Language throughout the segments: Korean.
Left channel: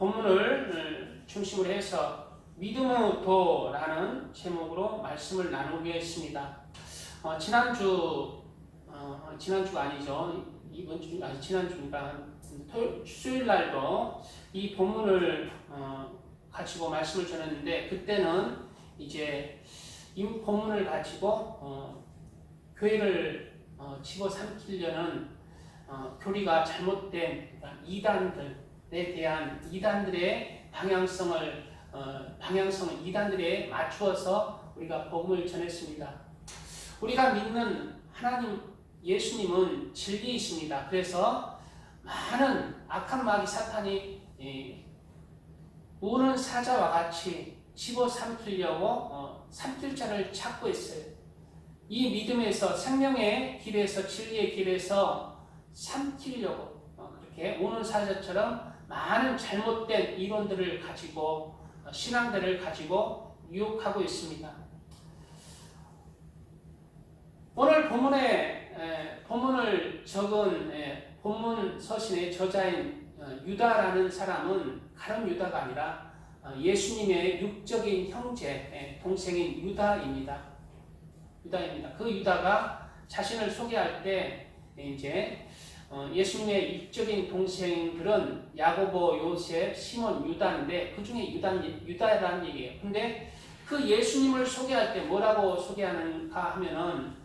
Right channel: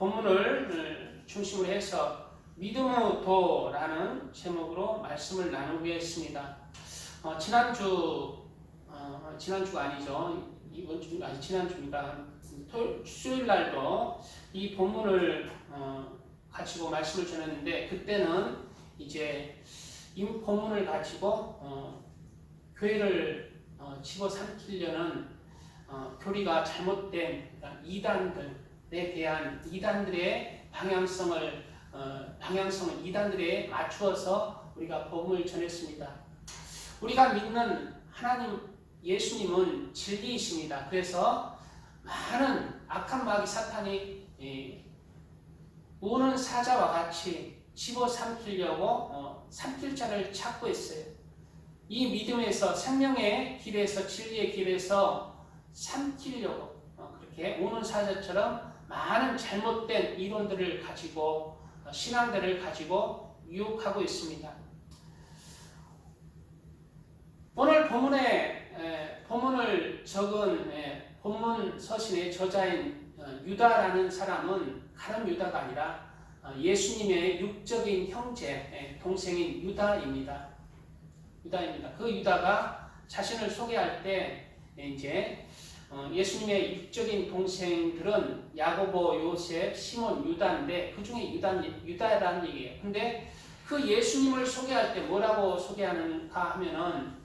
본문을 중심으로 해서 믿음의 도라는 제목으로 말씀을 나누겠습니다. 지난주가 아니죠. 이번 주, 아니 지난주니까 수요일 날도 이 본문을 가지고 말씀을 전했는데, 그때는 이제 이 본문을 가지고 교회를 집어삼키려는 교리가 잘못된 이단들에 대한 이단들의 방향성을 이단들에 맞추어서 우리가 복음을 전했습니다. 우리가 믿는 하나님 예수님은 진리이십니다. 그래서 많은 악한 마귀 사탄이 우는 사자와 같이 집어삼키려고 삼킬 자를 찾고 있어요. 이 믿음에서, 생명의 길에서, 진리의 길에서 삼키려고 그렇게 우는 사자처럼 많은 잘못된 이론들을 가지고, 신앙들을 가지고 유혹하고 있습니다. 오늘 본문을 적은 본문 서신의 저자인 유다라는 사람은 다른 유다가 아니라 예수님의 육적인 형제, 동생인 유다입니다. 그 유다가 자신을 소개할 때 이제 예수님의 육적인 동생들은 야고보, 요셉, 시몬, 유다인데 그 중에 유다라는 얘기예요. 근데 그 예수님을 소개할 때 뭐라고 소개하는가 하면은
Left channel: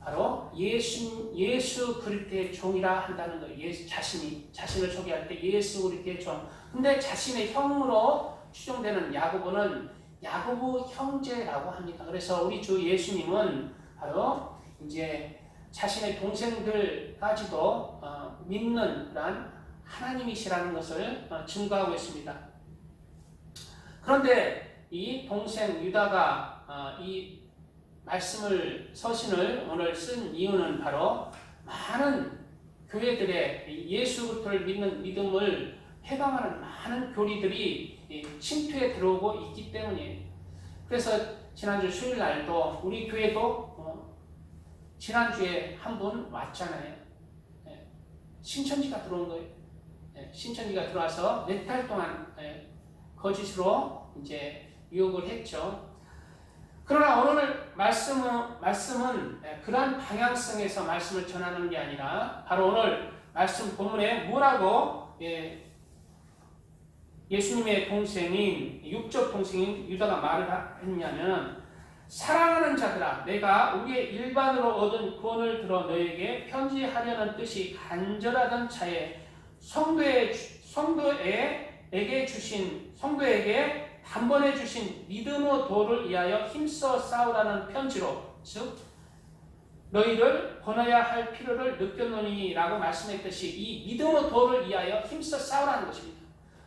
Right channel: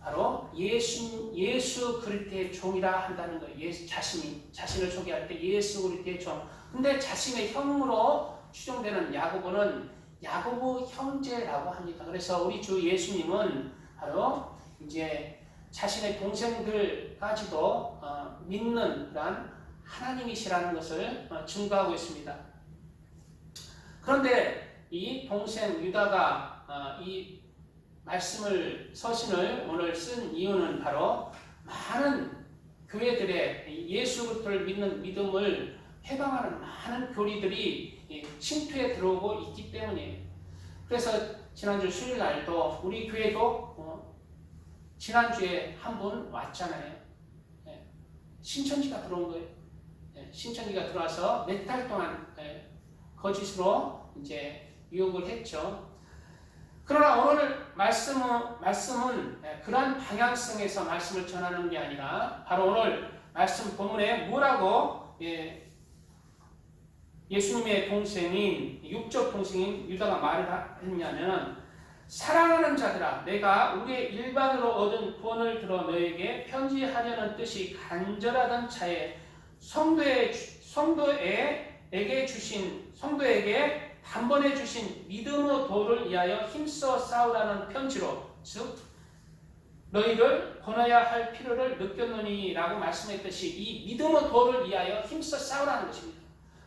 바로 예수 그리스도의 종이라 한다는 거예요. 자신을 소개할 때 예수 그리스도의 종. 근데 자신의 형으로 추정되는 야고보는 야고보 형제라고 합니다. 그래서 우리 주 예수님은 바로 이제 자신의 동생들까지도 믿는 그런 하나님이시라는 것을 증거하고 있습니다. 그런데 이 동생 유다가 이 서신을 오늘 쓴 이유는 바로 많은 교회들의 예수 그리스도를 믿는 믿음을 해방하는 많은 교리들이 침투에 들어오고 있기 때문이에요. 그래서 지난주 수요일 날도 우리 교회도 지난주에 한 분 왔잖아요. 신천지가 들어온 거예요. 신천지가 들어와서 몇 달 동안 거짓으로 이제 유혹을 했죠. 그러나 오늘 말씀은 그러한 방향성에서 말씀을 전하는 게 아니라 바로 오늘 말씀 본문에 뭐라고 예수님의 동생인 육적 동생인 유다가 말을 했냐면, 사랑하는 자들아, 내가 우리의 일반으로 얻은 구원을 들어 너에게 편지하려는 뜻이 간절하던 차에 성도에게 단번에 주신 믿음의 도를 위하여 힘써 싸우라는 편지로, 즉 너희를 권해야 할 필요를 느꼈노니라고 말씀했듯이 이 믿음의 도를 위하여 힘써 싸우라는 것입니다.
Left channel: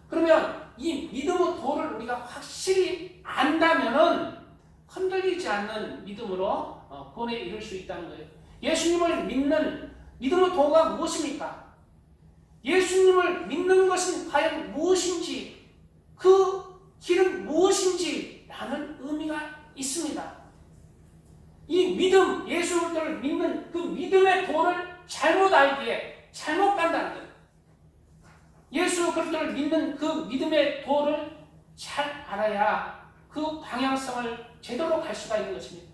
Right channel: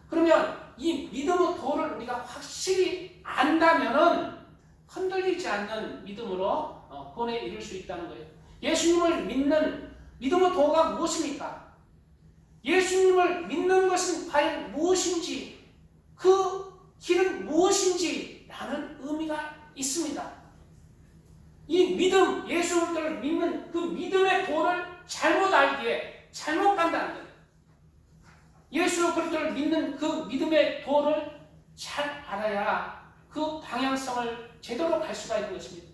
그러면 이 믿음의 도를 우리가 확실히 안다면은 흔들리지 않는 믿음으로 본에 이룰 수 있다는 거예요. 예수님을 믿는 믿음의 도가 무엇입니까? 예수님을 믿는 것은 과연 무엇인지, 그 길은 무엇인지 라는 의미가 있습니다. 이 믿음, 예수 그리스도를 믿는 그 믿음의 도를 잘못 알기에 잘못 간다는 거예요. 예수 그리스도를 믿는 그 믿음의 도를 잘 알아야 그 방향성을 제대로 갈 수가 있는 것입니다.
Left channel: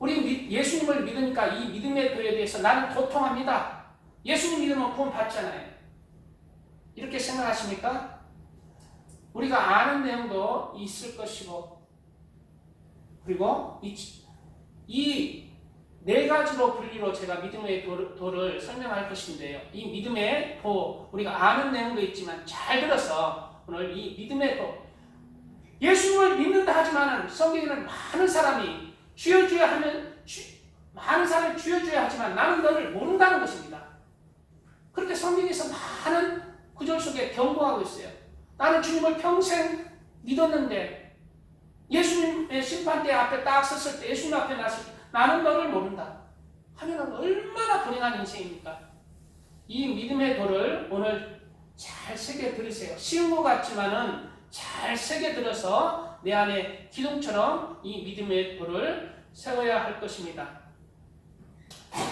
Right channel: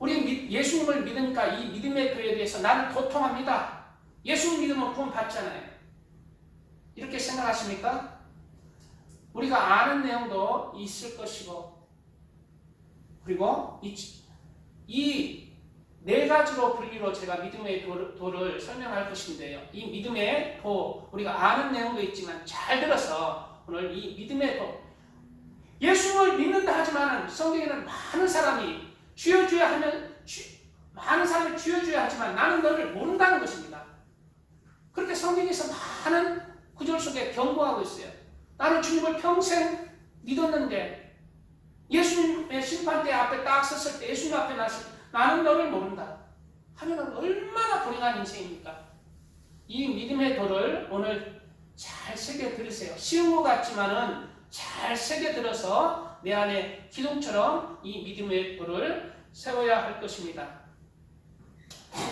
우리 예수님을 믿으니까 이 믿음의 도에 대해서 나는 고통합니다. 예수님 믿으면 구원 받잖아요. 이렇게 생각하십니까? 우리가 아는 내용도 있을 것이고, 그리고 이 네 가지로 분리로 제가 믿음의 도를 설명할 것인데요. 이 믿음의 도, 우리가 아는 내용도 있지만 잘 들어서 오늘 이 믿음의 도, 예수님을 믿는다 하지만 성경에는 많은 사람이 많은 사람이 주여줘야 하지만 나는 너를 모른다는 것입니다. 그렇게 성경에서 많은 구절 속에 경고하고 있어요. 나는 주님을 평생 믿었는데 예수님의 심판대 앞에 딱 섰을 때, 예수님 앞에 나서 나는 너를 모른다 하면 얼마나 불행한 인생입니까? 이 믿음의 도를 오늘 잘 새겨 들으세요. 쉬운 것 같지만은 잘 새겨 들어서 내 안에 기둥처럼 이 믿음의 도를 세워야 할 것입니다.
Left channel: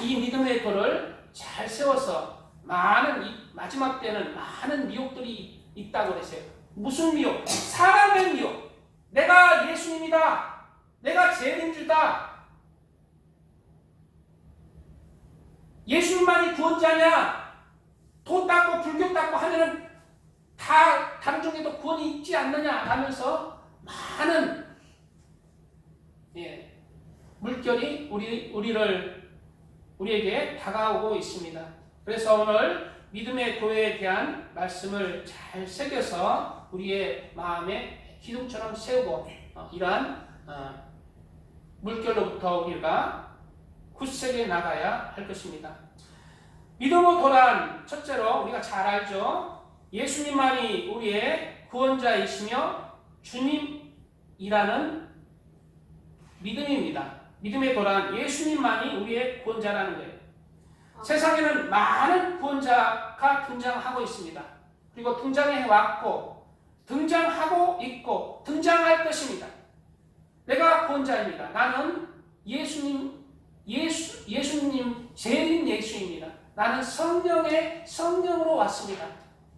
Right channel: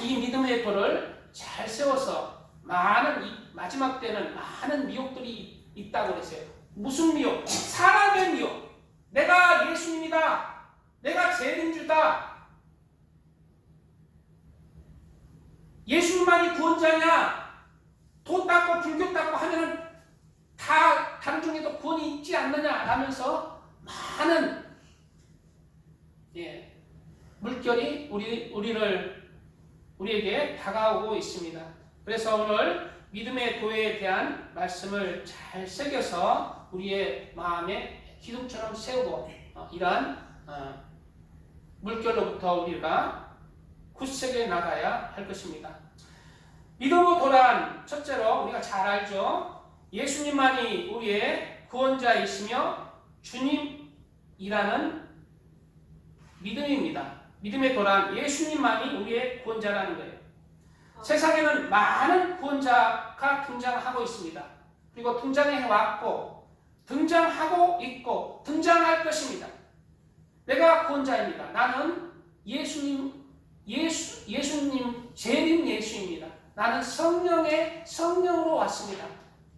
이 믿음의 도를 잘 세워서 마지막 때는 많은 미혹들이 있다고 그랬어요. 무슨 미혹? 사람의 미혹. 내가 예수님이다. 내가 재림주다. 예수님만이 구원자냐? 도 닦고 불교 닦고 하면은 다 다른 종에도 구원이 있지 않느냐 하면서 많은 물결이 우리에게 다가오고 있습니다. 그래서 오늘 믿음의 교회에 대한 말씀을 잘 새겨서 우리의 마음에 기둥처럼 세우고 이러한 물결로부터 우리가 굳세게 나가야 할 것입니다. 믿음의 도란, 첫째로 우리가 잘 알죠. 예수님만이 우리의 구원자이시며 주님이라는 믿음입니다. 믿음의 도란, 예수님만이 우리의 구원자라는 거예요. 세상에는 많은 구원자가 등장하고 있습니다. 그리고 등장해 왔고 등장하고 있고 등장할 것입니다. 내가 구원자입니다. 나는 예수님 재림 예수입니다. 나는 성령으로 왔습니다.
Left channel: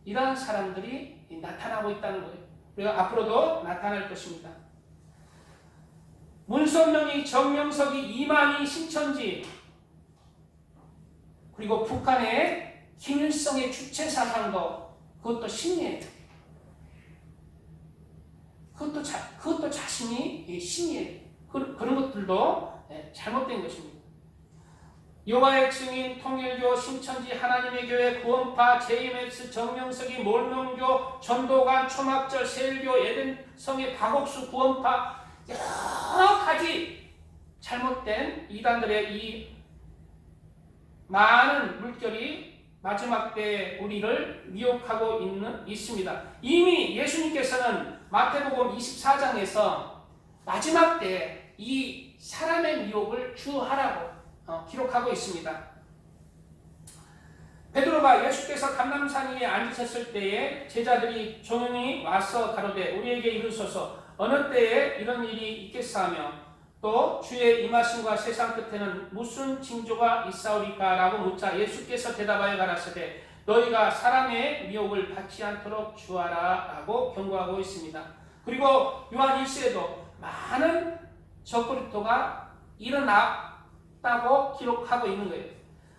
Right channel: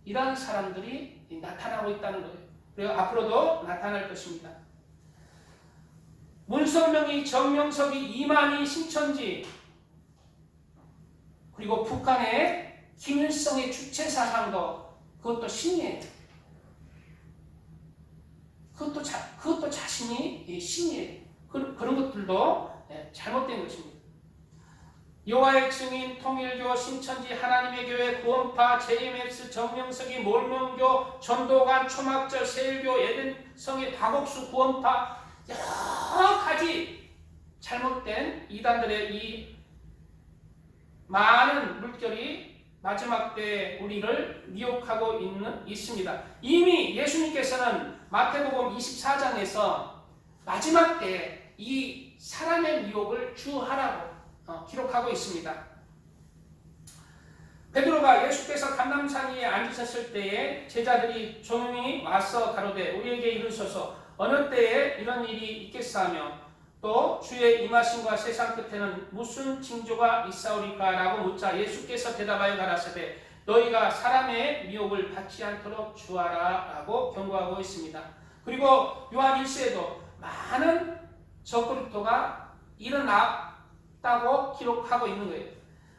이러한 사람들이 나타나고 있다는 거예요. 그리고 앞으로도 나타날 것입니다. 문선명이, 정명석이, 이만희, 신천지, 그리고 북한의 김일성의 주체사상도 그것도 신이에요. 그것도 자신이 신이에요. 그런 것들도 잘못된 것입니다. 여호와의 증인, 통일교, 신천지, 하나님의 교회, 구원파, JMS, 정명석이, 몰명교, 전도관, 초막절, 세일교, 에덴성의 박옥수, 구원파, 여러 가지 잘못된 이단들의 이 많은 물결이 마지막 때에 우리를 미혹하고 있습니다. 이미 예수님께서는 마태복음 24장에서 마지막 때에 이 사람의 미혹을 주하라고 기록하고 있습니다. 베드로가 예수께서 감람산 위에 앉으셨을 때에 제자들이 조용히 와서 가로되 우리에게 이르소서 어느 때에 이런 일이 있겠사하며 또 주의 임하심과 세상 끝에는 무슨 징조가 있사오리까 라고 묻자 예수께서 대답하여 가라사대 너희가 사람의 미혹을 받지 않도록 주하라 라고 경고하고 있습니다. 그리고 요한 1세에도 많은 적그리스도가 일어났다고 기록하고 있는 거예요.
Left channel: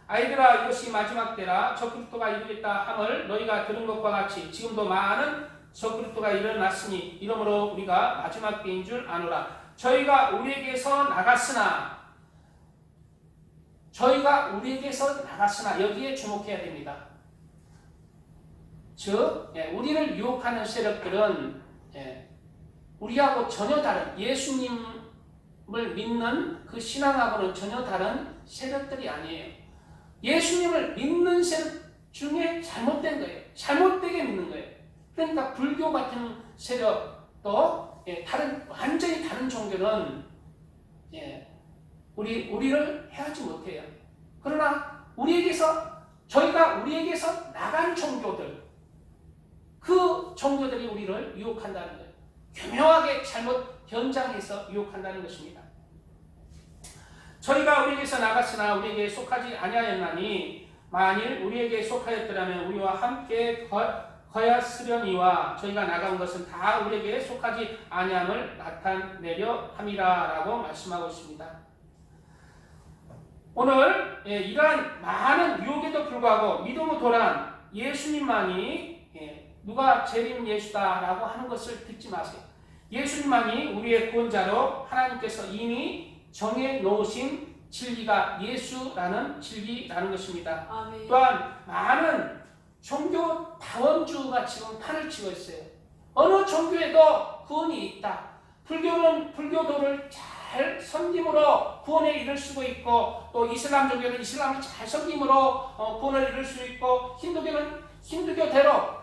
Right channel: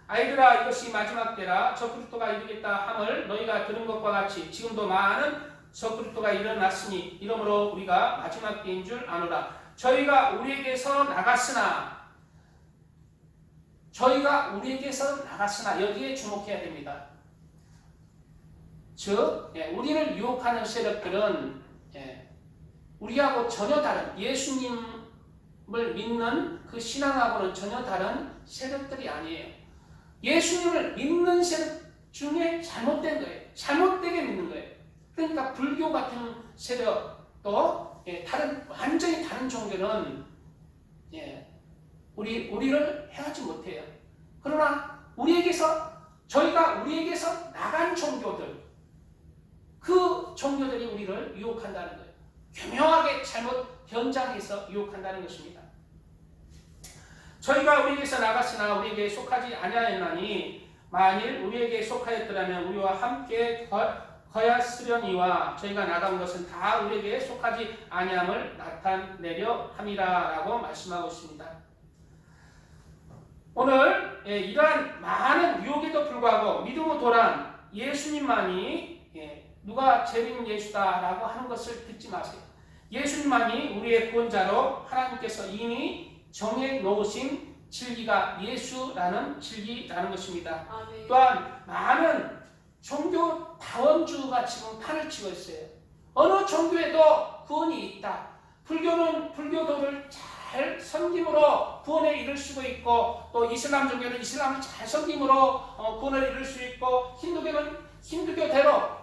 아이들아 이것이 마지막 때라 적그리스도가 이르겠다 함을 너희가 들은 것과 같이 지금도 많은 적그리스도가 일어났으니 이러므로 우리가 마지막 때인 줄 아노라. 저희가 우리에게서 나갔으나 여기에 주목해야 됩니다. 즉 우리를 유혹하는 세력들은 우리하고 전혀 다른 예수님을 믿는 그 신앙하고는 전혀 다른 세력들이 아니에요. 예수님을 믿는 세력 중에 잘못된 거예요. 잘못되게 믿는 거예요. 그러니까 불교 같은 세력도 완전히 다른 종교는 우리를 해하지 못해요. 그러나 저희가 우리에게서 나간 종교들, 그 종교들이 우리를 유혹한다는 거예요. 교묘하게 잘못 변장해서 유혹한다는 것입니다. 저희가 우리에게서 나갔으나 우리에게 속하지 아니하였나니 만일 우리에게 속하였더라면 우리와 함께 거였으려니와 저희가 나간 것은 다 우리에게 속하지 아니함을 나타내려 함이라라고 말씀하고 있습니다. 오늘 이러한 많은 유혹에도 불구하고 믿음의 도란 예수님만이 누가 재림 예수다라고 하는 것을 듣지 마세요. 예수님만이 우리의 구원자로 하나님께서 이미 정해놓으신 진리가 예수라는 진리라는 것입니다. 아멘. 또한 많은 종교 다원주가 지금 판을 치고 있어요. 어느 종교에도 구원이 있다. 불교는 불교도를 잘 섬김으로 구원에 이를 수 있고 또 이슬람 종교는 이슬람을 잘 섬김으로 구원을 이룰 수 있고 힌두교는 힌두교대로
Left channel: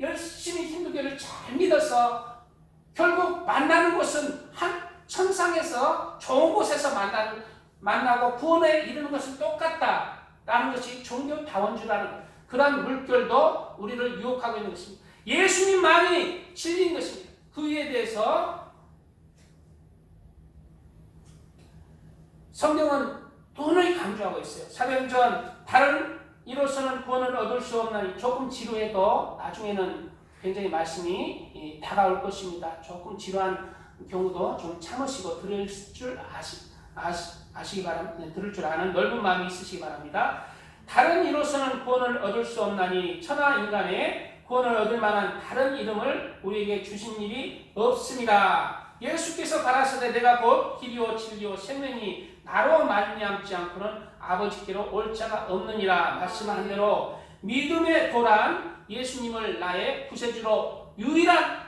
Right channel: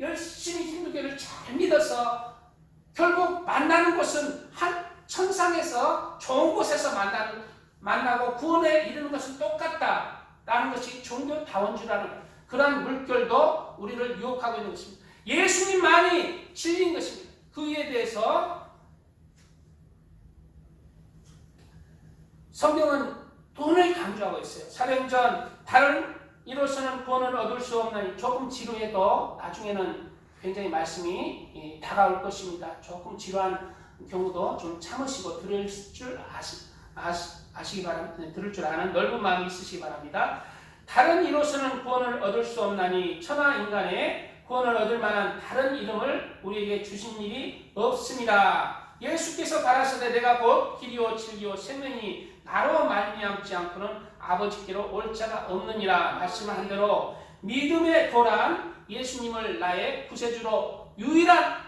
열심히 힌두교를 잘 믿어서 결국 만나는 곳은 한 천상에서 좋은 곳에서 만나고 구원에 이르는 것은 똑같다라는 것이 종교 다원주라는 그러한 물결도 우리를 유혹하고 있는 것입니다. 예수님만이 진리인 것입니다. 그 이에 대해서 성경은 돈을 강조하고 있어요. 사도행전 다른 이로서는 구원을 얻을 수 없나니. 조금 지루해도 나중에는 굉장히 말씀이 다가올 것입니다. 조금 지루한 경우도 좀 참으시고 들을 줄 아시기 바랍니다. 들을 줄 아는 넓은 마음이 있으시기 바랍니다. 다른 이로서는 구원을 얻을 수 없나니 천하 인간의 구원을 얻을 만한 다른 이름을 우리에게 주신 일이 없습니다. 예수께서 가라사대 내가 곧 길이요 진리요 생명이 나로 말미암지 않고는 아버지께로 올 자가 없느니라 말씀한 대로 믿음의 도란 예수님을 나의 구세주로 유일한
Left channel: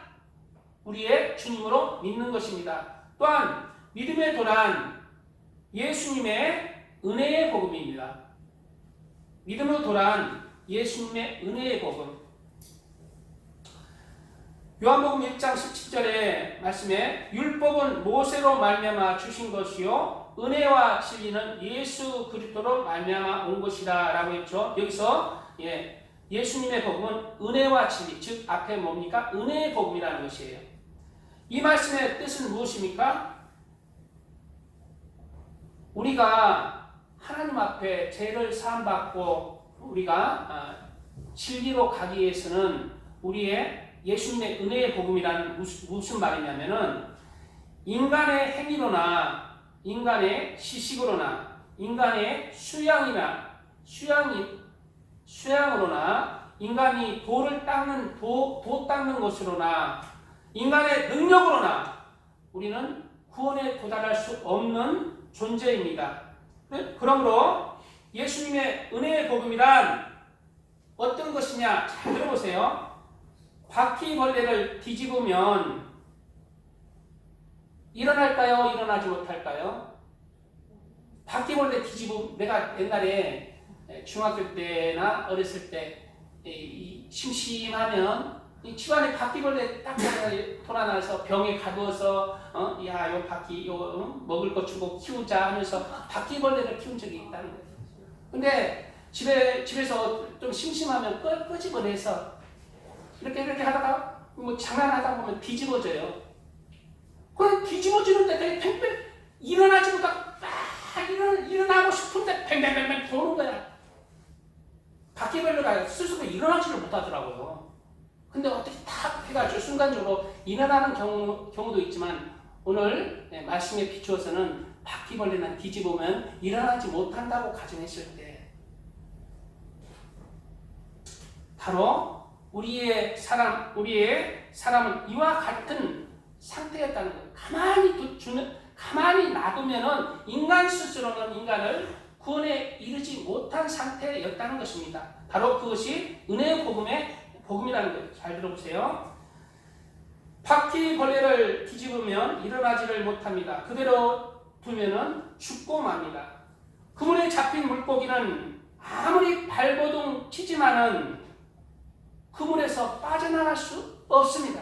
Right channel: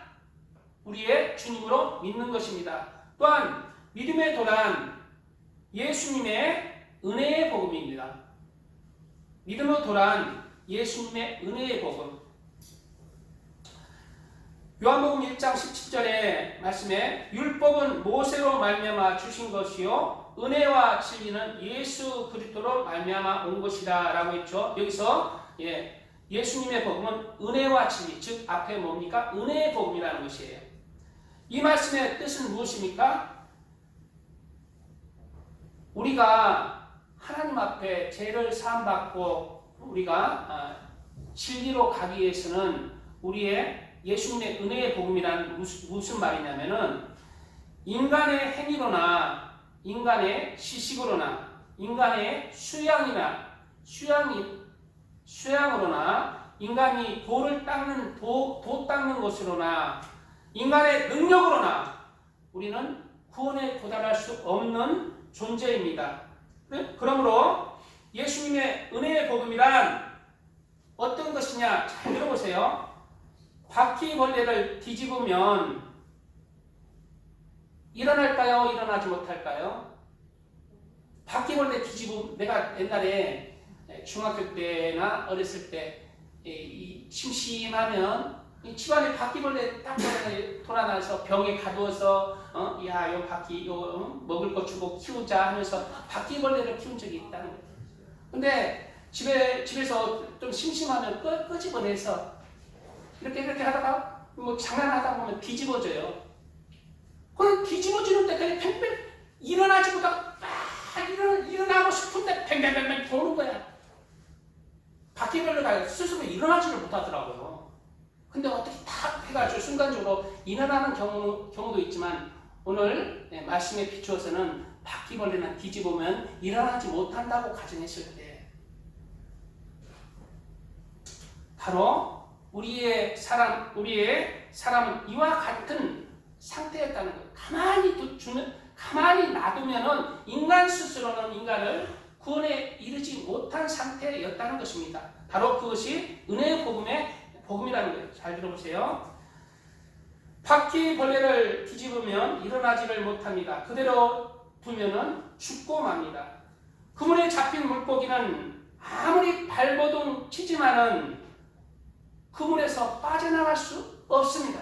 우리의 주님으로 믿는 것입니다. 또한 믿음의 도란 예수님의 은혜의 복음입니다. 믿음의 도란 예수님의 은혜의 복음. 요한복음 1장 17절의 말씀에 율법은 모세로 말미암아 주신 것이요 은혜와 진리는 예수 그리스도로 말미암아 온 것이다 라고 했죠. 여기서 예수님의 복음은 은혜와 진리, 즉 앞에 뭡니까? 은혜의 복음이라는 것이에요. 이 말씀의 뜻은 무엇입니까? 우리가 하나님 앞에 죄를 사함받고 우리가 진리로 가기 위해서는 우리의 예수님의 은혜의 복음이란 무슨 말이냐면은 인간의 행위로나 인간의 지식으로나 인간의 수양으로나 인간이 돌을 닦는 도 닦는 것으로나 인간의 능력으로나 우리는 구원에 도달할 수 없는 존재입니다. 그러므로 예수님의 은혜의 복음이란 어떤 것이냐? 잘 들어보세요. 바퀴벌레를 뒤집으면 일어날까요? 일어나지 못할까요? 바퀴벌레 뒤집으면 내가 옛날에 중학교 때나 어렸을 때 심심하면 집안에 바퀴벌레 딱 돌아나서 병에 가두어서 야, 요 바퀴 요 먹을 거 주고 키우자 하면서 바퀴벌레를 키운 적이 있다는 거예요. 근데 집에서 좀 심심하면 끄집어내서 이렇게 하다가 뭐 장난하다 보면 뒤집어져요. 그럼 뒤집어지는데 팽팽 일어나지 못하고 일어나고 싶은데 팽팽 도는 거야. 바퀴벌레가 스스로 일어나지를 못하더라고요. 근데 어떻게 탁 해가지고 순간적으로 일어나는 경우도 있지만 오늘 말씀에 비추어서는 바퀴벌레는 뒤집으면 일어나지 못한다고 가정했을 때 바로 우리의 사람은 이와 같은 상태였다는 거예요. 가만히 놔두면은 인간 스스로는 인간을 구원에 이르지 못한 상태였다는 것입니다. 바로 그것이 은혜의 복음이라는 거예요. 잘 들어보세요. 바퀴벌레를 뒤집으면 일어나지를 못합니다. 그대로 두면은 죽고 맙니다. 그물에 잡힌 물고기는 아무리 발버둥 치지만은 그물에서 빠져나갈 수 없습니다.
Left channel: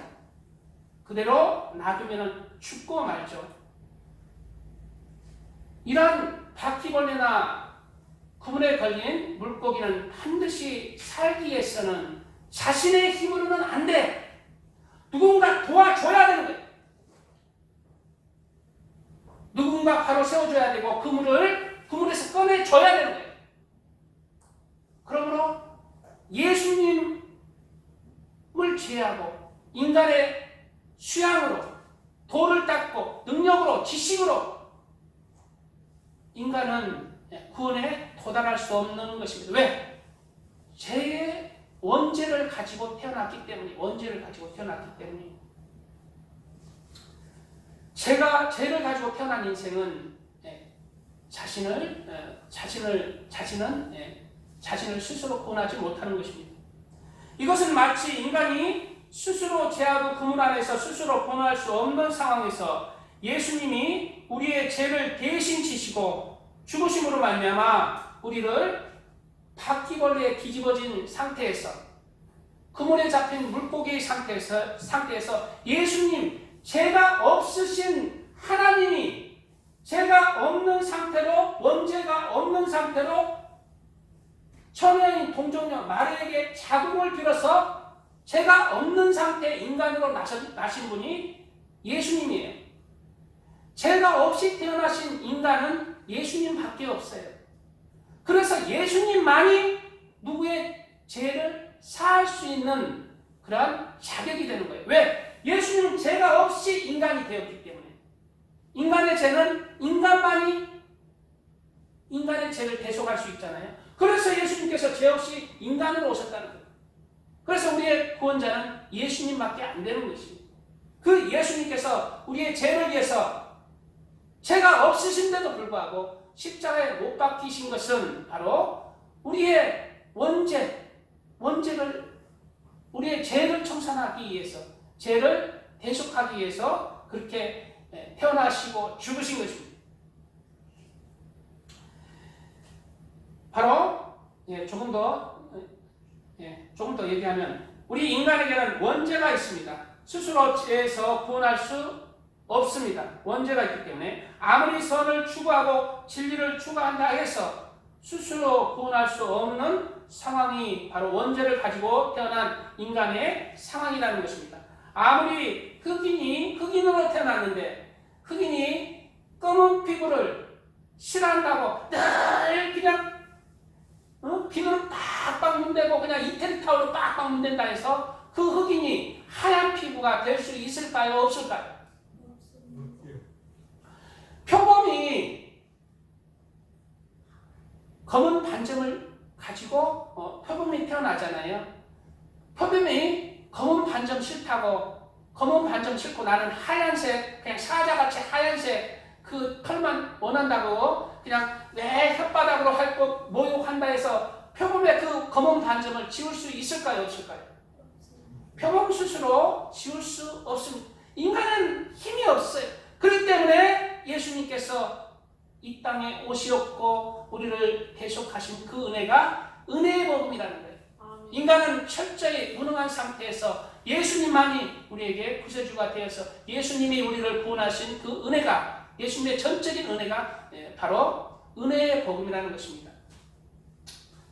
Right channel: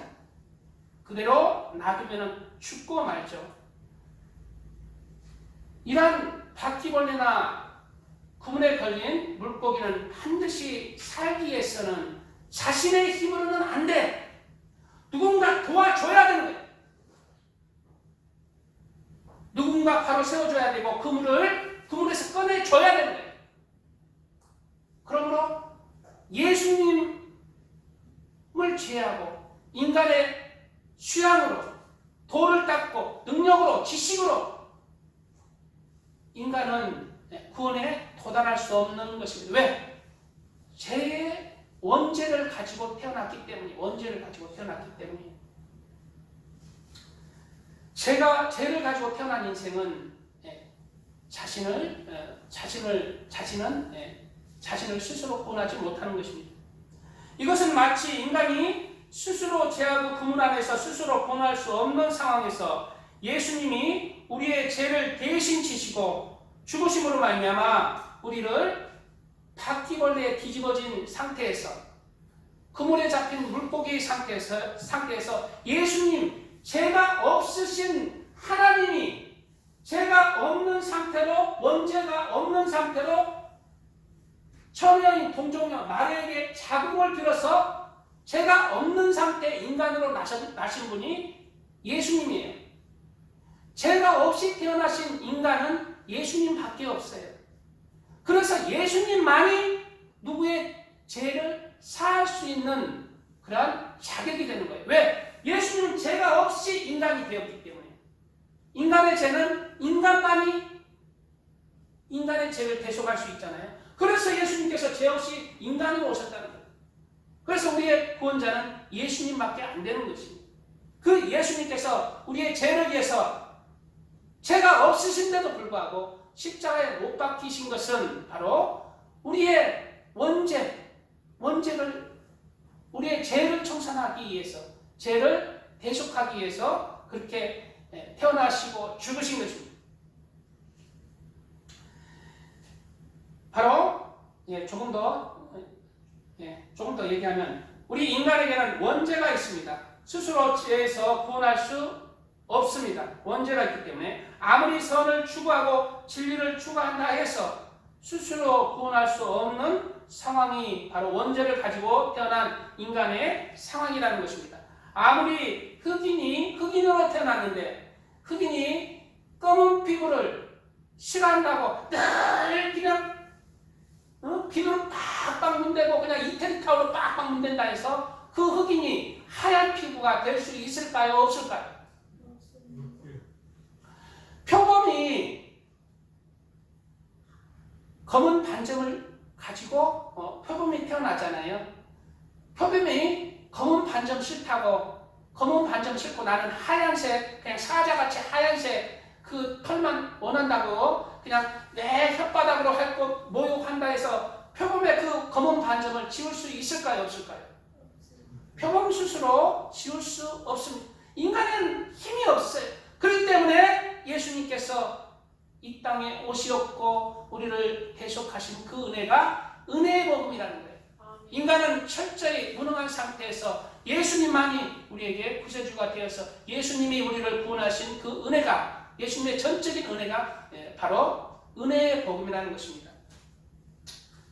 그대로 놔두면 죽고 말죠. 이런 바퀴벌레나 그물에 걸린 물고기는 반드시 살기 위해서는 자신의 힘으로는 안 돼. 누군가 도와줘야 되는 거예요. 누군가 바로 세워줘야 되고 그물에서 꺼내줘야 되는 거예요. 그러므로 예수님을 제외하고 인간의 수양으로 돌을 닦고 능력으로 지식으로 인간은 구원에 도달할 수 없는 것입니다. 왜? 죄의 원죄를 가지고 태어났기 때문에 죄를 가지고 태어난 인생은 자신을 스스로 구원하지 못하는 것입니다. 이것은 마치 인간이 스스로 죄하고 그물 안에서 스스로 구원할 수 없는 상황에서 예수님이 우리의 죄를 대신 지시고 죽으심으로 말미암아 우리를 바퀴벌레에 뒤집어진 상태에서 그물에 잡힌 물고기 상태에서 예수님 죄가 없으신 하나님이 죄가 없는 상태로 원죄가 없는 상태로 처녀인 동정녀 마리아에게 자궁을 빌어서 죄가 없는 상태 인간으로 나신 분이 예수님이에요. 죄가 없이 태어나신 인간은 예수님밖에 없어요. 그래서 예수님만이 누구의 죄를 사할 수 있는 그러한 자격이 되는 거예요. 왜? 예수님은 죄가 없이 인간이 되었기 때문에. 인간의 죄는 인간만이 인간의 죄를 대속할 수 있잖아요. 그래서 예수님께서 죄 없이 인간으로 오셨다는 거예요. 그래서 우리의 구원자는 예수님밖에 안 되는 것입니다. 그 예수님께서 우리의 죄를 위해서 죄가 없으신데도 불구하고 십자가에 못 박히신 것은 바로 우리의 원죄를 우리의 죄를 청산하기 위해서, 죄를 대속하기 위해서 그렇게 태어나시고 죽으신 것입니다. 바로 조금 더 얘기하면 우리 인간에게는 원죄가 있습니다. 스스로 죄에서 구원할 수 없습니다. 원죄가 있기 때문에 아무리 선을 추구하고 진리를 추구한다 해서 스스로 구원할 수 없는 상황이 바로 원죄를 가지고 태어난 인간의 상황이라는 것입니다. 아무리 흑인으로 태어났는데 흑인이 검은 피부를 싫어한다고 늘 그냥 비누를 빡빡 문대고 그냥 이태리 타올로 빡빡 문댄다 해서 그 흑인이 하얀 피부가 될 수 있을까요? 없을까요? 표범이 검은 반점을 가지고 표범이 태어나잖아요. 표범이 검은 반점 싫다고 검은 반점 싫고 나는 하얀색 그냥 사자같이 하얀색 그 털만 원한다고 그냥 내 혓바닥으로 할 것 모욕한다 해서 표범의 그 검은 반점을 지울 수 있을까요? 없을까요? 표범 스스로 지울 수 없습니다. 인간은 힘이 없어요. 그렇기 때문에 예수님께서 이 땅에 오시었고 우리를 대속하신 그 은혜가 은혜의 복음이라는 거예요. 인간은 철저히 무능한 상태에서 예수님만이 우리에게 구세주가 되어서 예수님이 우리를 구원하신 그 은혜가 예수님의 전적인 은혜가 바로 은혜의 복음이라는 것입니다.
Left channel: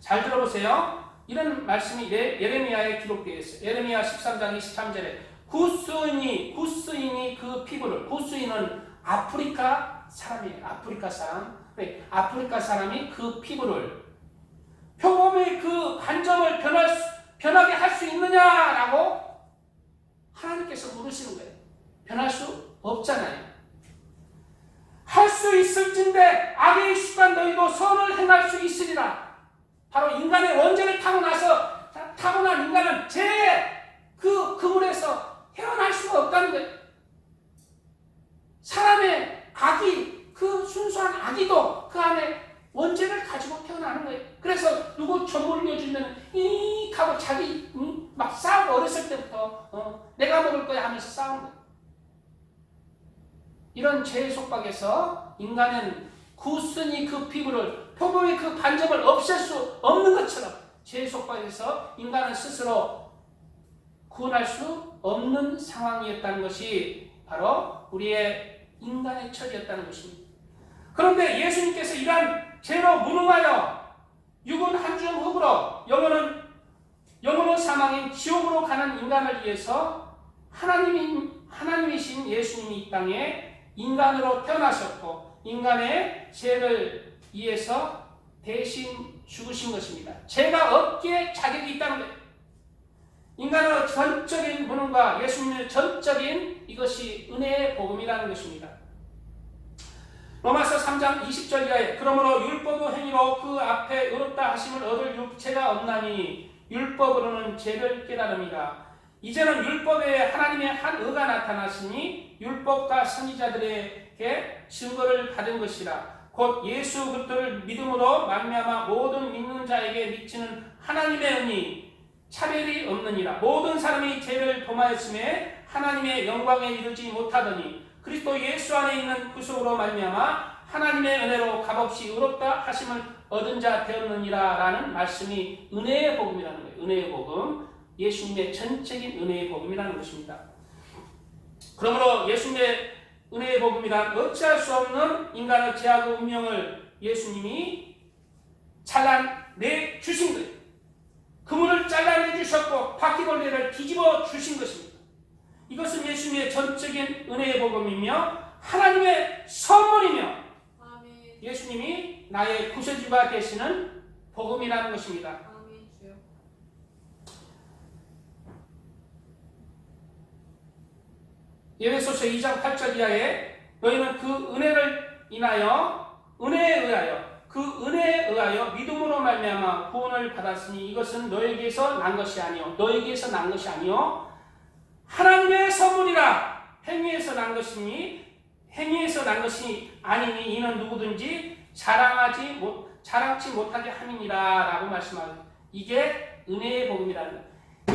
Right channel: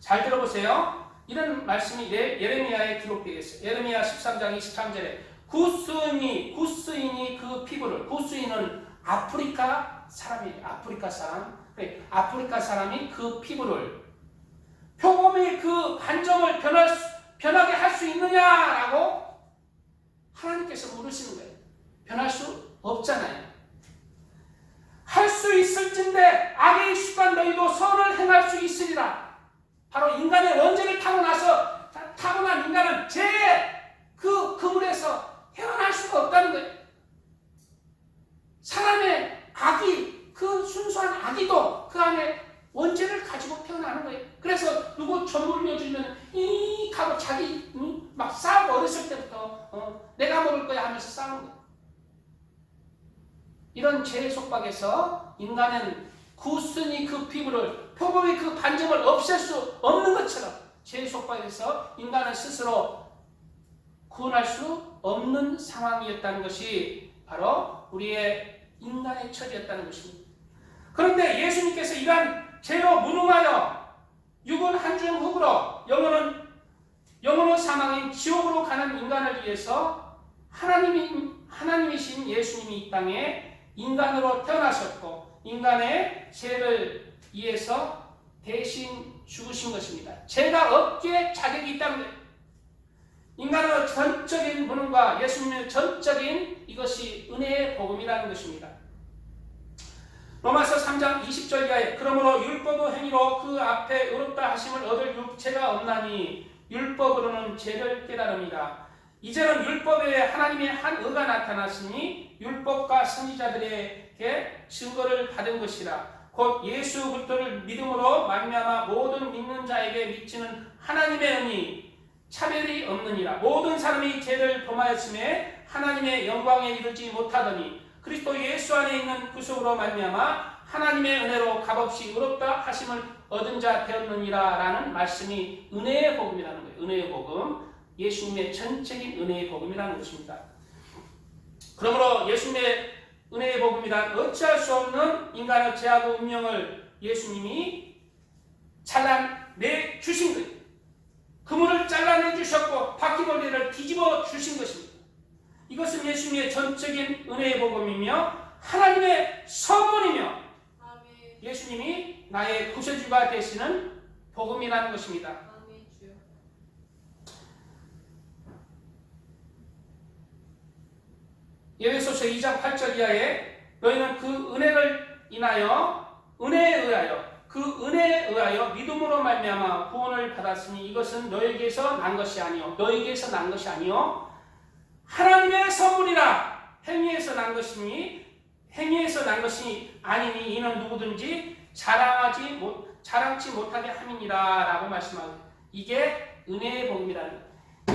잘 들어보세요. 이런 말씀이 예레미야에 기록되어 있어요. 예레미야 13장 23절에 구스인이 그 피부를, 구스인은 아프리카 사람이에요. 아프리카 사람. 아프리카 사람이 그 피부를 표범의 그 반점을 변하게 할 수 있느냐라고 하나님께서 물으시는 거예요. 변할 수 없잖아요. 할 수 있을진데 악에 익숙한 너희도 선을 행할 수 있으리라. 바로 인간의 원죄를 타고난 인간은 죄의 그 그물에서 헤어날 수가 없다는 거예요. 사람의 악이, 그 순수한 악이도 그 안에 원죄를 가지고 태어나는 거예요. 그래서 누구 점 올려주면 이익 하고 자기 막 싸우고 어렸을 때부터 내가 먹을 거야 하면서 싸우는 거예요. 이런 죄의 속박에서 인간은 구스니 그 피부를 표범의 그 반점을 없앨 수 없는 것처럼 죄의 속박에서 인간은 스스로 구원할 수 없는 상황이었다는 것이 바로 우리의 인간의 처지였다는 것입니다. 그런데 예수님께서 이러한 죄로 무능하여 육은 한 줌 흙으로 영혼은 사망인 지옥으로 가는 인간을 위해서 하나님이신 예수님이 이 땅에 인간으로 태어나셨고 인간의 죄를 위해서 대신 죽으신 것입니다. 죄가 없기에 자격이 있다는 거예요. 인간의 전적인 무능과 예수님의 전적인 이것이 은혜의 복음이라는 것입니다. 로마서 3장 20절 이하에 그러므로 율법의 행위로 그 앞에 의롭다 하심을 얻을 육체가 없나니 율법으로는 죄를 깨달음이라. 이제는 율법에 하나님의 한 의가 나타났으니 율법과 선지자들에게 증거를 받은 것이라. 곧 예수 그리스도를 믿음으로 말미암아 모든 믿는 자에게 미치는 하나님의 은이 차별이 없느니라. 모든 사람이 죄를 범하였음에 하나님의 영광에 이르지 못하더니 그리스도 예수 안에 있는 구속으로 말미암아 하나님의 은혜로 값없이 의롭다 하심을 얻은 자 되었느니라 라는 말씀이 은혜의 복음이라는 거예요. 은혜의 복음, 예수님의 전적인 은혜의 복음이라는 것입니다. 그러므로 예수님의 은혜의 복음이란 어찌할 수 없는 인간의 죄악의 운명을 예수님이 잘라내 주신 거예요. 그물을 잘라내 주셨고 바퀴벌레를 뒤집어 주신 것입니다. 이것은 예수님의 전적인 은혜의 복음이며 하나님의 선물이며 아멘. 예수님이 나의 구세주가 되시는 복음이라는 것입니다. 아멘. 에베소서 2장 8절 이하에 너희는 그 은혜를 인하여 은혜에 의하여 믿음으로 말미암아 구원을 받았으니 이것은 너에게서 난 것이 아니요 하나님의 선물이라. 행위에서 난 것이 아니니 이는 누구든지 자랑치 못하게 함이니라 라고 말씀하고, 이게 은혜의 복음이라는,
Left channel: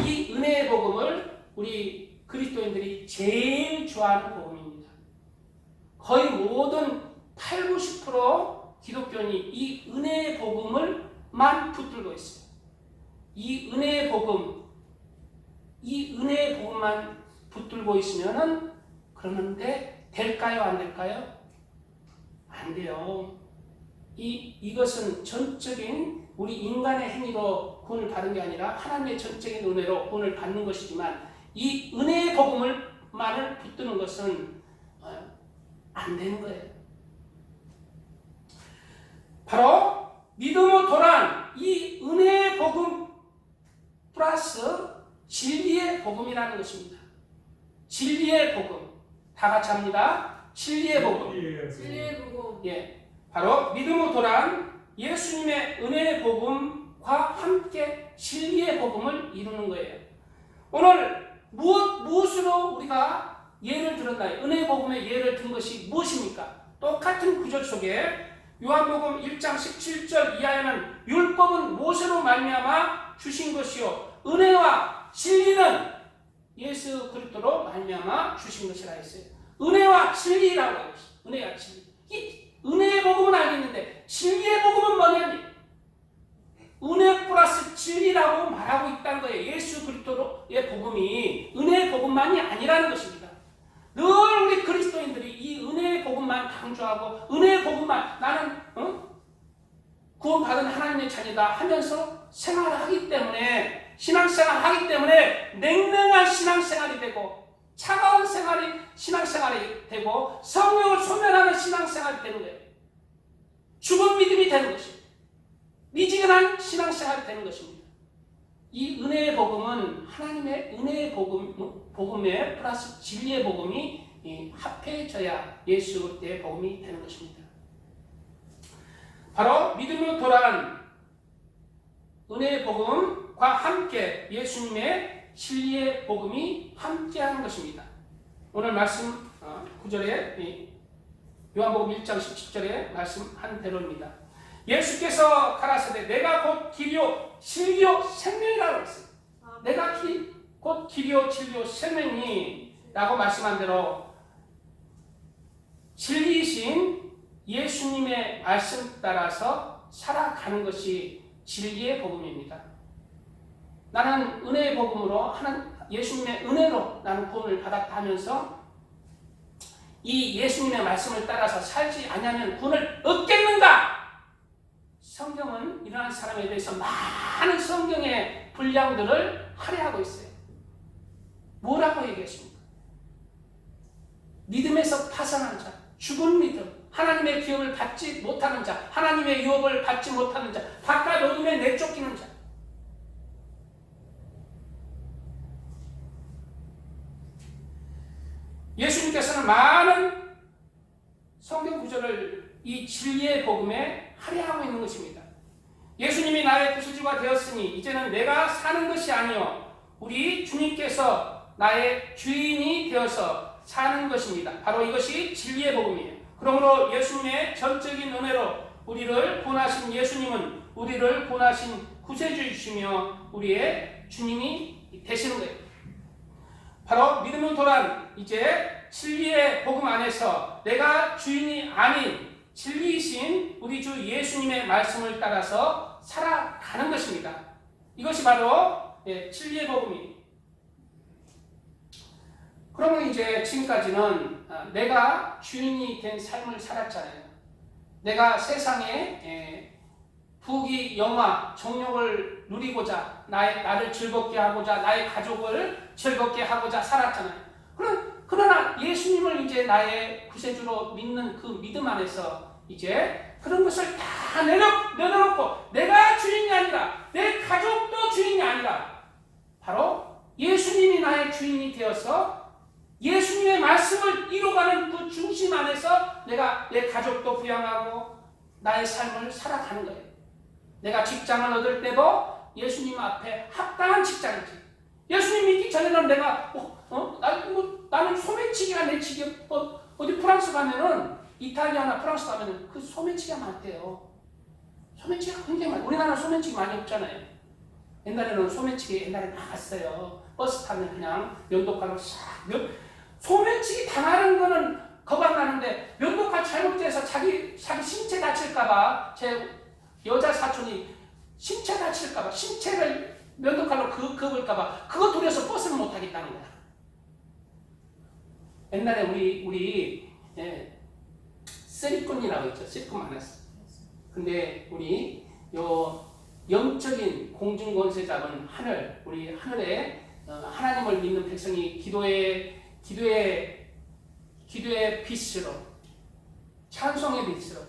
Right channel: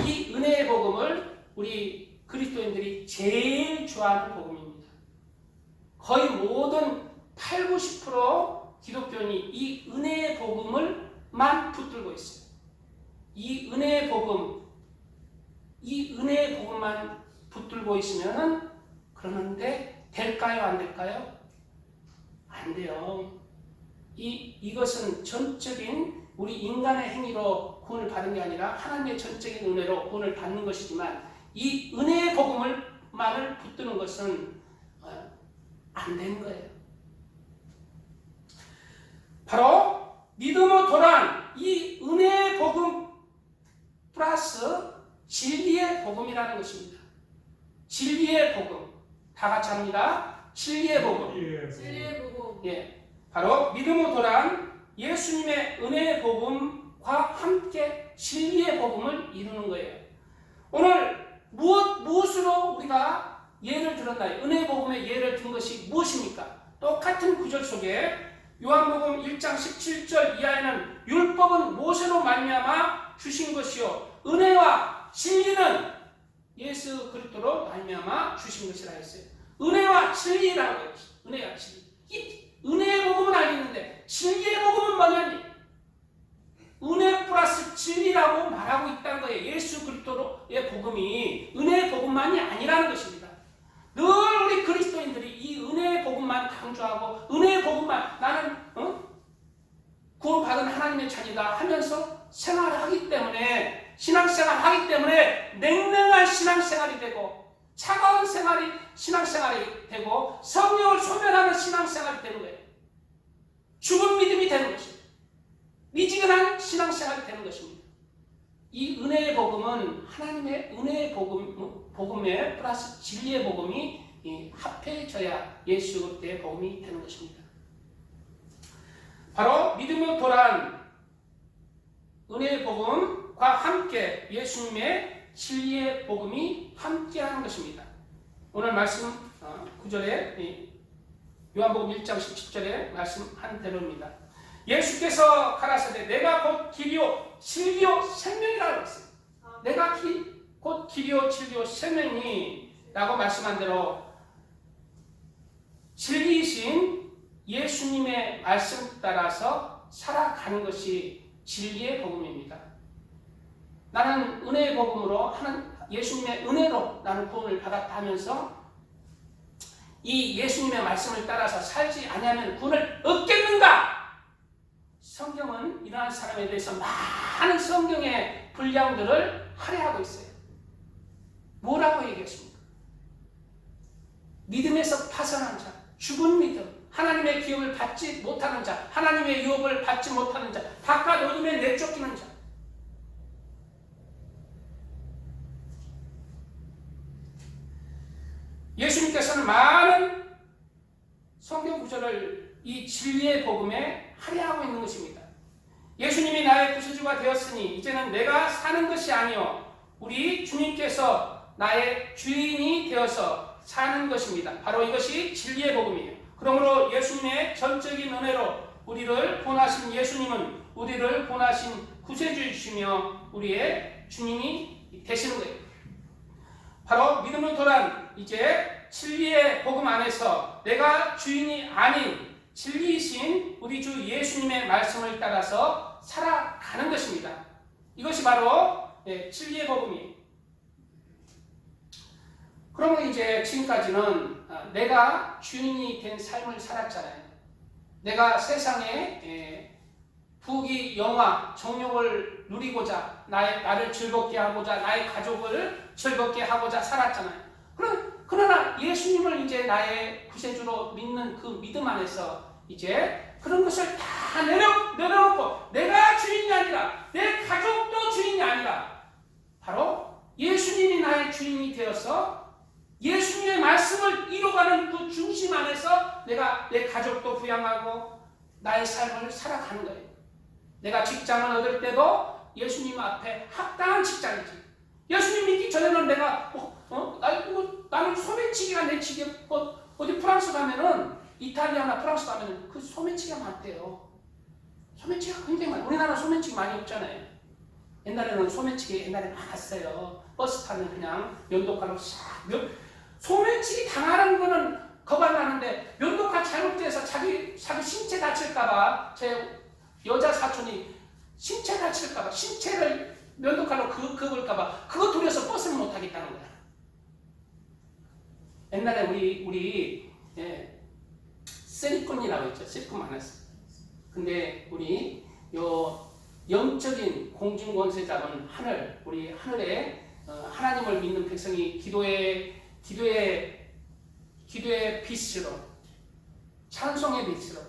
이 은혜의 복음을 우리 그리스도인들이 제일 좋아하는 복음입니다. 거의 모든 80~90% 기독교인이 이 은혜의 복음을만 붙들고 있어요. 이 은혜의 복음만 붙들고 있으면은, 그러는데 될까요? 안 될까요? 안 돼요. 이것은 전적인 우리 인간의 행위로 구원을 받은 게 아니라 하나님의 전적인 은혜로 구원을 받는 것이지만, 이 은혜의 복음만을 붙드는 것은 안 되는 거예요. 바로 믿음의 도란, 이 은혜의 복음 플러스 진리의 복음이라는 것입니다. 진리의 복음. 다 같이 합니다. 진리의 복음. 진리의 복음. 예, 바로 믿음의 도란, 예수님의 은혜의 복음과 함께 진리의 복음을 이루는 거예요. 오늘 무엇으로 우리가 예를 들었나요? 은혜의 복음의 예를 든 것이 무엇입니까? 똑같은 구절 속에 요한복음 1장 17절 이하에는 율법은 모세로 말미암아 주신 것이요 은혜와 진리는 예수 그리스도로 말미암아 주신 것이라 했어요. 은혜와 진리라고 했어요. 은혜와 진리. 이 은혜의 복음은 알겠는데 진리의 복음은 뭐냐니? 은혜 플러스 진리라고 말하고 있다는 거예요. 예수 그리스도의 복음이 은혜의 복음만이 아니라는 것입니다. 늘 우리 그리스도인들이 이 은혜의 복음만 강조하고 은혜의 복음만 나는 구원받은 하나님의 자녀다 하면서 생활을 하기 때문에, 신앙생활을 하기 때문에 냉랭한 신앙생활이 되고 차가운 신앙생활이 되고 성령을 소멸하는 신앙생활이 되는 거예요. 죽은 믿음이 되는 것입니다. 미지근한 신앙생활이 되는 것입니다. 이 은혜의 복음은 하나님의 은혜의 복음에 플러스 진리의 복음이 합해져야 예수 그리스도의 복음이 되는 것입니다. 바로 믿음의 도란 은혜의 복음과 함께 예수님의 진리의 복음이 함께하는 것입니다. 오늘 말씀 9절에 요한복음 1장 17절에 말씀한 대로입니다. 예수께서 가라사대 내가 곧 길이요 진리요 생명이라고 했어요. 내가 곧 길이요 진리요 생명이라고 말씀한 대로 진리이신 예수님의 말씀 따라서 살아가는 것이 진리의 복음입니다. 나는 은혜의 복음으로 예수님의 은혜로 나는 구원을 받았다 하면서 이 예수님의 말씀을 따라서 살지 아니하면 구원을 얻겠는가? 성경은 이러한 사람에 대해서 많은 성경의 분량들을 할애하고 있어요. 뭐라고 얘기했습니까? 믿음에서 파산한 자, 죽은 믿음, 하나님의 기업을 받지 못하는 자, 하나님의 유업을 받지 못하는 자, 바깥 어둠에 내쫓기는 자. 예수님께서는 많은 성경 구절을 이 진리의 복음에 할애하고 있는 것입니다. 예수님이 나의 구세주가 되었으니 이제는 내가 사는 것이 아니요 우리 주님께서 나의 주인이 되어서 사는 것입니다. 바로 이것이 진리의 복음이에요. 그러므로 예수님의 전적인 은혜로 우리를 구원하신 예수님은 우리를 구원하신 구세주이시며 우리의 주님이 되시는 거예요. 바로 믿음의 도란, 이제 진리의 복음 안에서 내가 주인이 아닌 진리이신 우리 주 예수님의 말씀을 따라서 살아가는 것입니다. 이것이 바로 진리의 복음이에요. 그러면 이제 지금까지는 내가 주인이 된 삶을 살았잖아요. 내가 세상에 부귀 영화 정욕을 누리고자 나를 즐겁게 하고자 나의 가족을 즐겁게 하고자 살았잖아요. 그러나 예수님을 이제 나의 구세주로 믿는 그 믿음 안에서 이제 그런 것을 다 내려놓고 내가 주인이 아니라 내 가족도 주인이 아니라 바로 예수님이 나의 주인이 되어서 예수님의 말씀을 이루어가는 그 중심 안에서 내가 내 가족도 부양하고 나의 삶을 살아가는 거예요. 내가 직장을 얻을 때도 예수님 앞에 합당한 직장이지. 예수님 믿기 전에는 내가 나는 소매치기가 내 직업. 어디 프랑스 가면은 이탈리아나 프랑스 가면은 그 소매치기가 많대요. 소매치기가 굉장히 많아요. 우리나라 소매치기 많이 없잖아요. 옛날에는 소매치기 많았어요. 버스 타면 그냥 면도칼로 싹 소매치기 당하는 거는 겁안 나는데 면도칼 잘못돼서 자기 신체 다칠까봐 제 여자 사촌이 신체 다칠까봐 신체를 면도칼로 긁을까봐 그거 두려서 버스를 못 타겠다는 거야. 옛날에 우리 쓰리꾼이라고 있죠. 쓰리꾼 많았어. 근데 우리 영적인 공중권세자는 우리 하늘에 하나님을 믿는 백성이 기도의 빛으로 찬송의 빛으로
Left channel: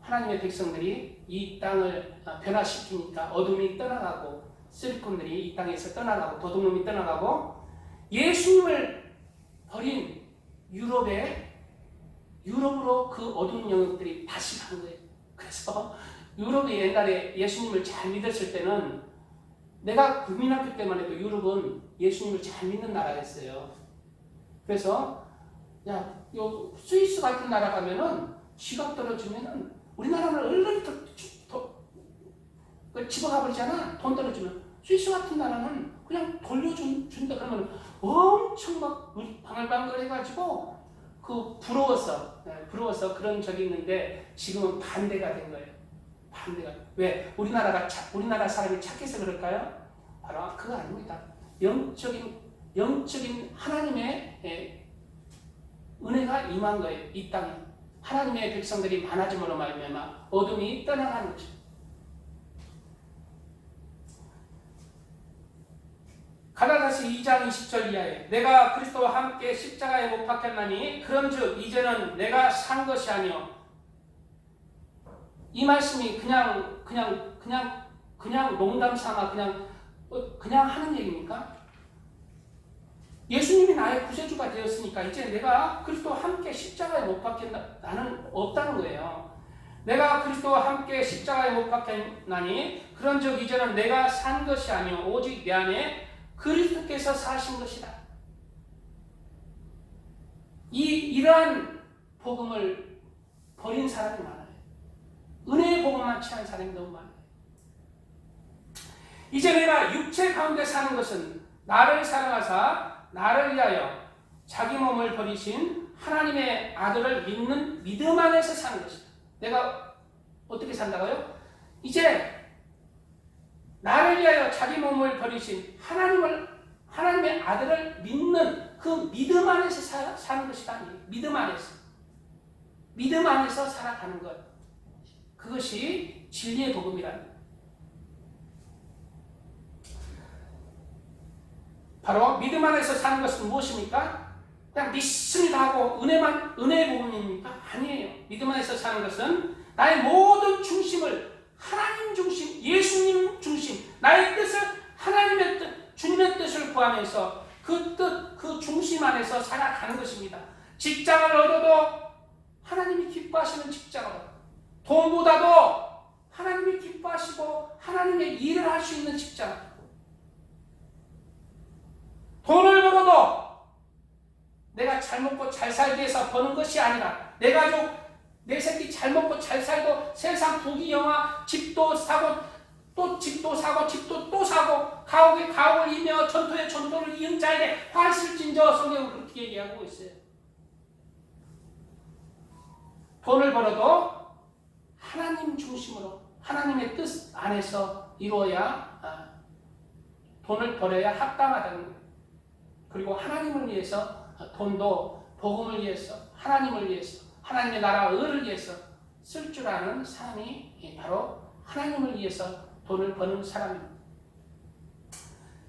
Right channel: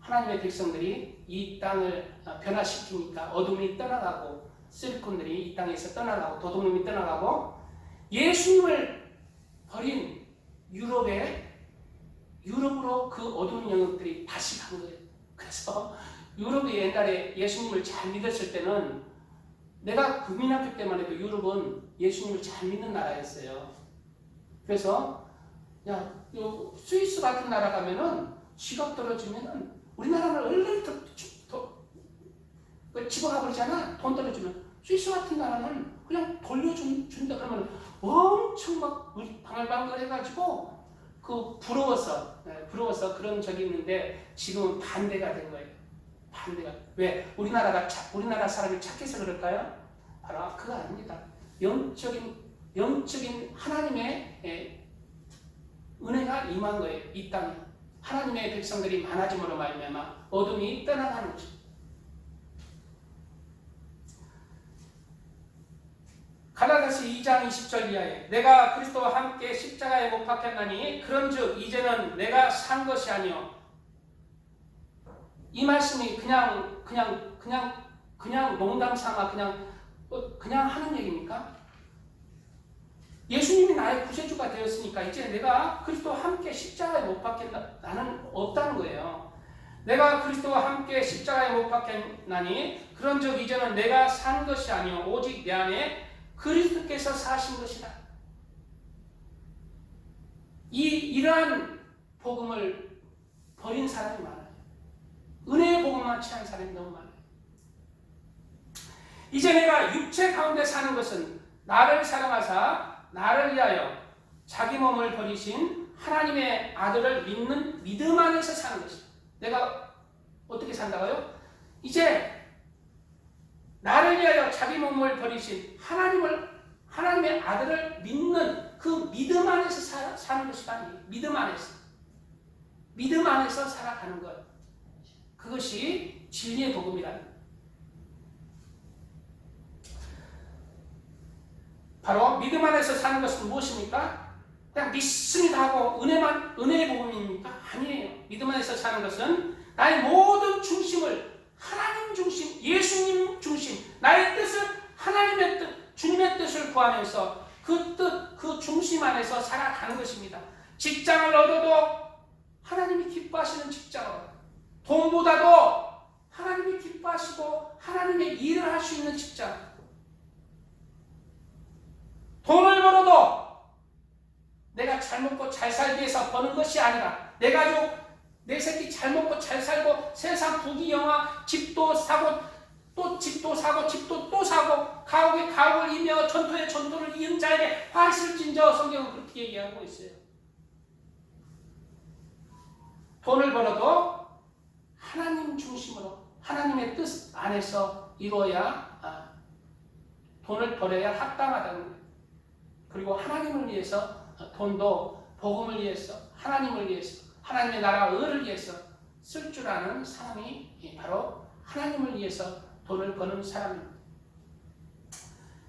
하나님의 백성들이 이 땅을 변화시키니까 어둠이 떠나가고 쓰리꾼들이 이 땅에서 떠나가고 도둑놈이 떠나가고 예수님을 버린 유럽으로 그 어두운 영역들이 다시 가는 거예요. 그래서 유럽이 옛날에 예수님을 잘 믿었을 때는 내가 국민학교 때만 해도 유럽은 예수님을 잘 믿는 나라였어요. 그래서 스위스 같은 나라 가면은 지갑 떨어지면은 우리나라는 얼른 집어가 버리잖아. 돈 떨어지면. 스위스 같은 나라는 그냥 돌려준다 그러면 엄청 막 방울방울 해가지고 부러워서 그런 적이 있는데 지금은 반대가 된 거예요. 반대가. 왜? 우리나라 사람이 착해서 그럴까요? 바로 그거 아닙니다. 영적인 하나님의 은혜가 임한 거예요. 이 땅에. 하나님의 백성들이 많아짐으로 말미암아 어둠이 떠나가는 것입니다. 갈라디아서 2장 20절 이하에 내가 그리스도와 함께 십자가에 못 박혔나니 그런즉 이제는 내가 산 것이 아니요. 이 말씀이 그냥 농담 삼아 그냥 하는 얘기입니까? 예수님이 나의 구세주가 되었으니까 이제 내가 그리스도와 함께 십자가에 못 박혔나는 없다는 거예요. 내가 그리스도와 함께 십자가에 못 박혔나니 그런즉 이제는 내가 산 것이 아니요 오직 내 안에 그리스도께서 사신 것이다. 이러한 복음을 버린 사람이 많아요. 은혜의 복음만 취한 사람이 너무 많아요. 이제 내가 육체 가운데 사는 것은 나를 사랑하사 나를 위하여 자기 몸을 버리신 하나님의 아들을 믿는 믿음 안에서 사는 것이다. 내가 어떻게 산다고요? 이제 나를 위하여 자기 몸을 버리신 하나님의 아들을 믿는 그 믿음 안에서 사는 것이다. 믿음 안에서 살아가는 것. 그것이 진리의 복음이라는 것. 바로 믿음 안에서 사는 것은 무엇입니까? 그냥 믿습니다 하고 은혜의 복음입니까? 아니에요. 믿음 안에서 사는 것은 나의 모든 중심을 하나님 중심, 예수님 중심, 나의 뜻을 하나님의 뜻, 주님의 뜻을 구하면서 그 뜻, 그 중심 안에서 살아가는 것입니다. 직장을 얻어도 하나님이 기뻐하시는 직장을, 돈보다도 하나님이 기뻐하시고 하나님의 일을 할 수 있는 직장, 돈을 벌어도 내가 잘 먹고 잘 살기 위해서 버는 것이 아니라 내 가족, 내 새끼 잘 먹고 잘 살고 세상 부귀영화, 집도 사고 또 집도 사고 집도 또 사고 가옥에 가옥을 이며 전토에 전토를 이은 자에게 화 있을진저 성경은 그렇게 얘기하고 있어요. 돈을 벌어도 하나님 중심으로 하나님의 뜻 안에서 이루어야 돈을 벌어야 합당하다는 거예요. 그리고 하나님을 위해서 돈도 복음을 위해서 하나님을 위해서 하나님의 나라 의를 위해서 쓸 줄 아는 사람이 바로 하나님을 위해서 돈을 버는 사람입니다.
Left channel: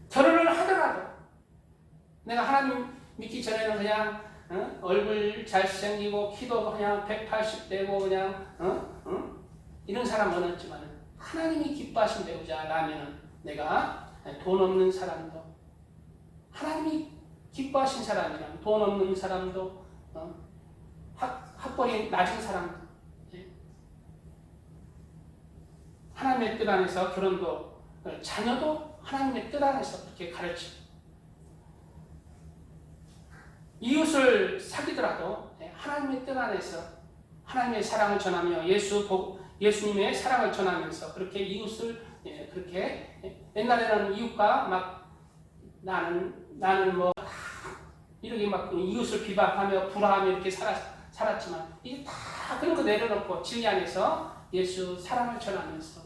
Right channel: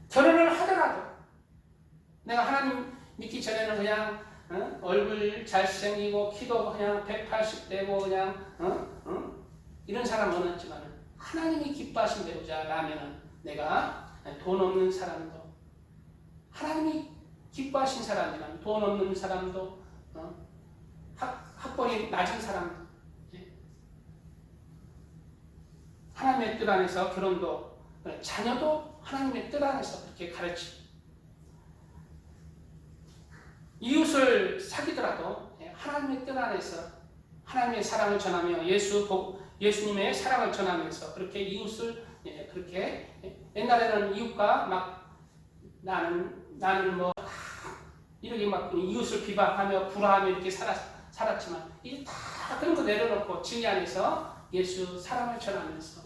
결혼을 하더라도 내가 하나님 믿기 전에는 그냥 얼굴 잘생기고 키도 그냥 180되고 그냥 이런 사람 원했지만 하나님이 기뻐하신 배우자라면 내가 돈 없는 사람도 하나님이 기뻐하신 사람이란 돈 없는 사람도 학벌이 낮은 사람도 하나님의 뜻 안에서 결혼도 자녀도 하나님의 뜻 안에서 그렇게 가르치고 이웃을 사귀더라도 하나님의 뜻 안에서 하나님의 사랑을 전하며 예수님의 사랑을 전하면서 그렇게 이웃을 그렇게 옛날에는 이웃과 막 나는 뭐 이렇게 막 이웃을 비방하며 불화하며 이렇게 살았지만 이게 다 그런 거 내려놓고 진리 안에서 예수 사랑을 전하면서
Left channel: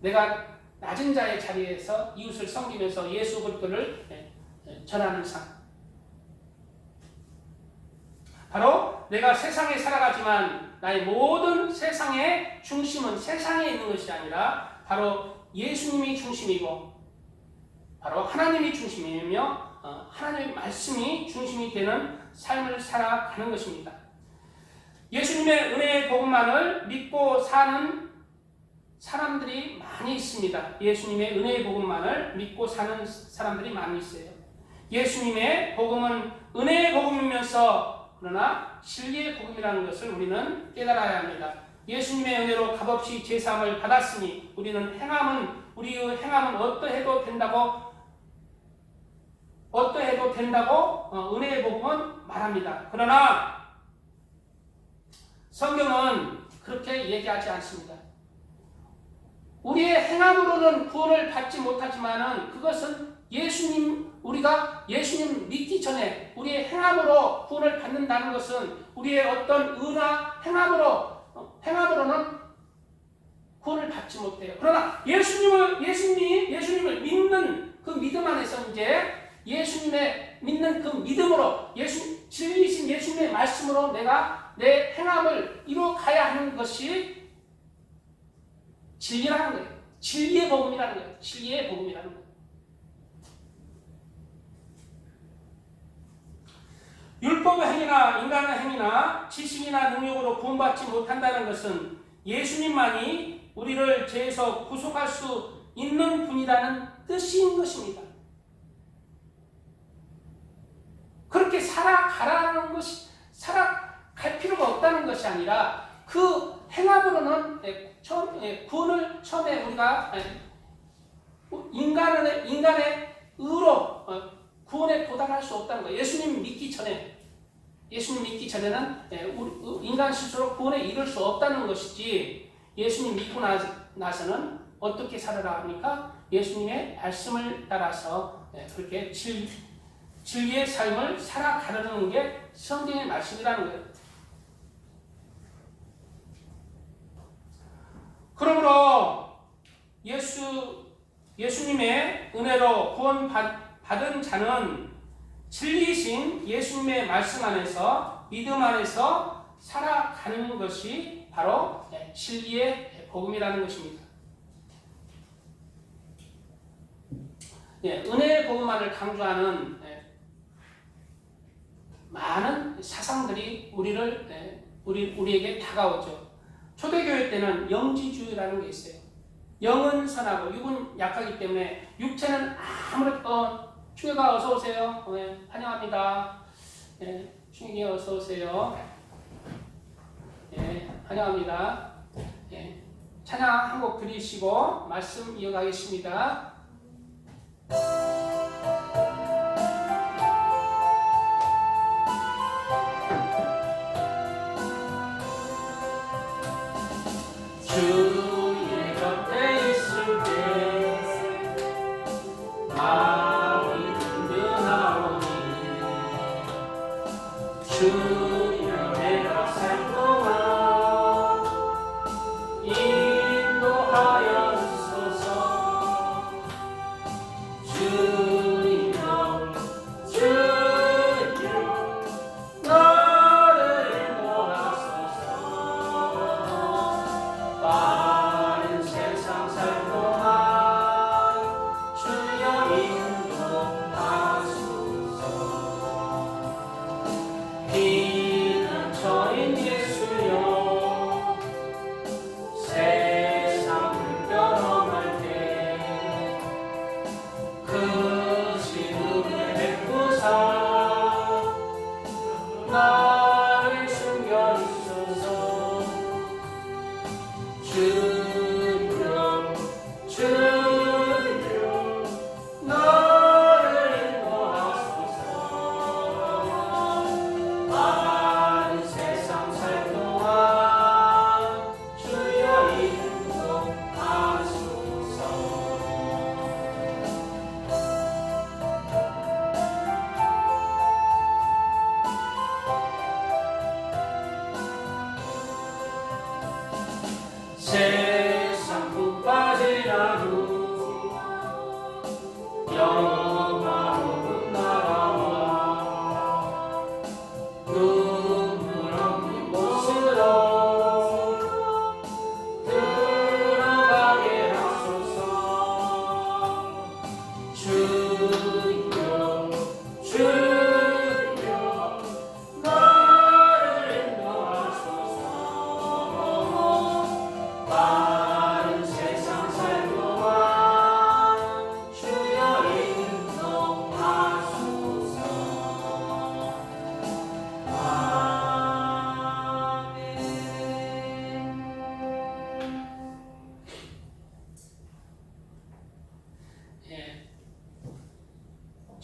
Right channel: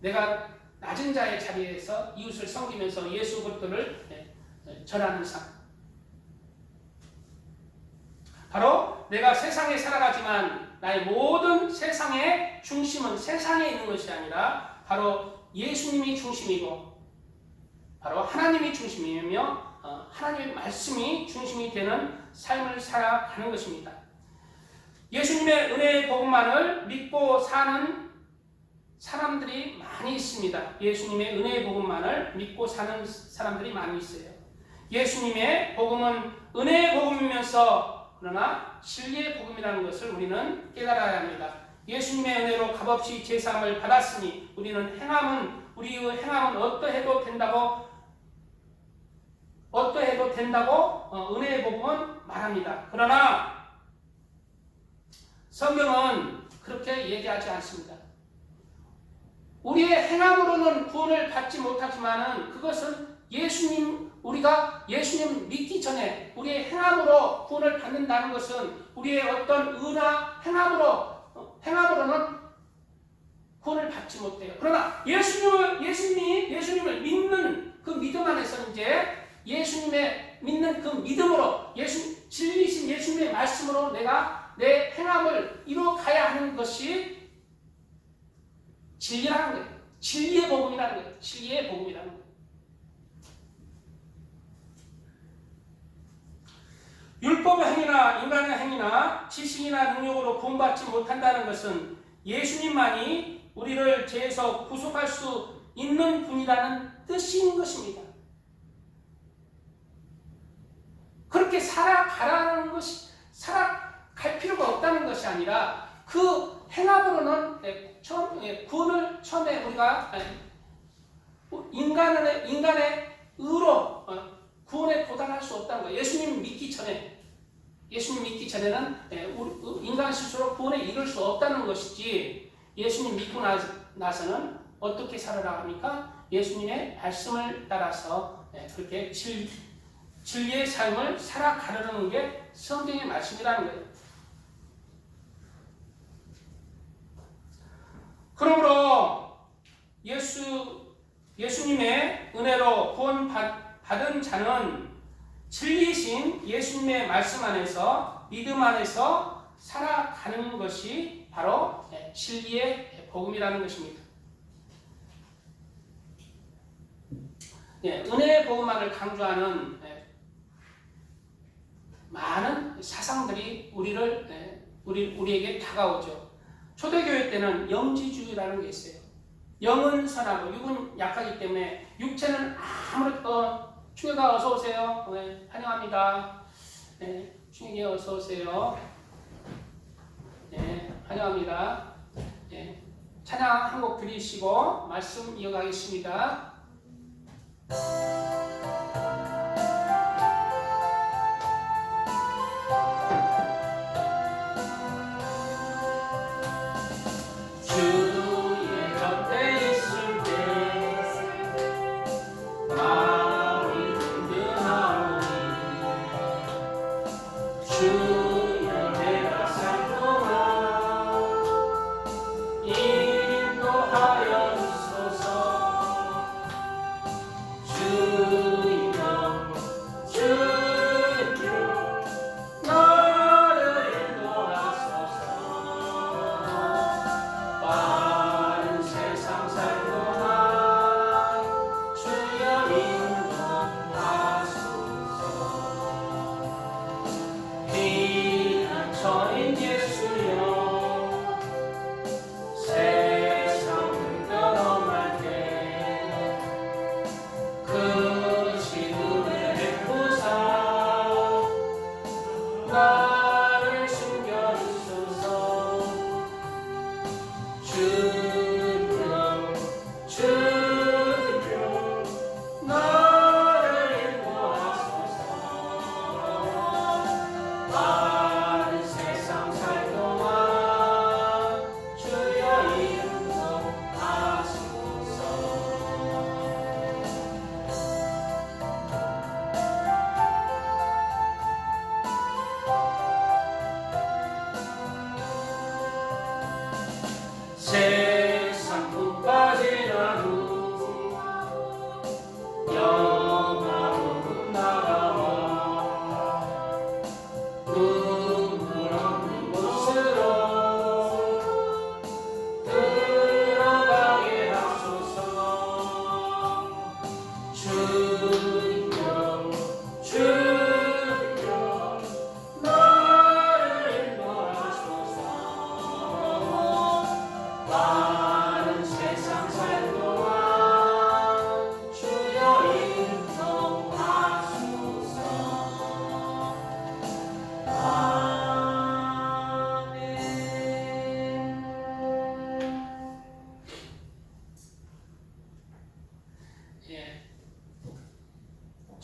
내가 낮은 자의 자리에서 이웃을 섬기면서 예수 그리스도를 전하는 삶. 바로 내가 세상에 살아가지만 나의 모든 세상의 중심은 세상에 있는 것이 아니라 바로 예수님이 중심이고 바로 하나님이 중심이며 하나님의 말씀이 중심이 되는 삶을 살아가는 것입니다. 예수님의 은혜의 복음만을 믿고 사는 사람들이 많이 있습니다. 예수님의 은혜의 복음만을 믿고 사는 사람들이 많이 있어요. 예수님의 복음은 은혜의 복음이면서 그러나 진리의 복음이라는 것을 우리는 깨달아야 합니다. 예수님의 은혜로 값없이 제사함을 받았으니 우리의 행함은 어떠해도 된다고 은혜의 복음은 말합니다. 그러나 성경은 그렇게 얘기하지 않습니다. 우리의 행함으로는 구원을 받지 못하지만은 그것은 우리가 예수님 믿기 전에 우리의 행함으로 구원을 받는다는 것은 우리의 어떤 의나 행함으로는 구원을 받지 못해요. 그러나 예수님을 믿는 그 믿음 안에서 이제 예수님의 믿는 그 믿음으로 진리이신 예수님의 말씀으로 내가 내 행함을 이루어가야 하는 것이 진리라는 거예요. 진리의 복음이라는 거예요. 진리의 복음이라는 거예요. 율법의 행위나 인간의 행위나 지식이나 능력으로 구원받지 못한다는 것은 예수님만이 우리를 죄에서 구속할 수 있는 분이라는 뜻인 것입니다. 그렇게 살아갈 필요가 없다는 것이 아니라 그 행함으로는 구원을 처음에 우리가 인간의 의로 구원에 도달할 수 없다는 거예요. 예수님 믿기 전에는 인간 스스로 구원에 이룰 수 없다는 것이지 예수님 믿고 나서는 어떻게 살아라 합니까? 예수님의 말씀을 따라서 그렇게 진리의 삶을 살아가려는 게 성경의 말씀이라는 거예요. 그러므로 예수님의 은혜로 구원받은 자는 진리이신 예수님의 말씀 안에서 믿음 안에서 살아가는 것이 바로 진리의 복음이라는 것입니다. 은혜의 복음만을 강조하는 많은 사상들이 우리에게 다가오죠. 초대교회 때는 영지주의라는 게 있어요. 영은 선하고 육은 약하기 때문에 육체는 아무것도 충격아 어서 오세요. 환영합니다. 충격이 어서 오세요. 환영합니다. 찬양 한 곡 드리시고 말씀 이어가겠습니다. 주의 곁에 있을 때 마음이 든든하오니 주여 내가 살도록 인도하여주소서. 주여 나를 인도하소서. 빠른 세상 살 동안 주여 인도하소서.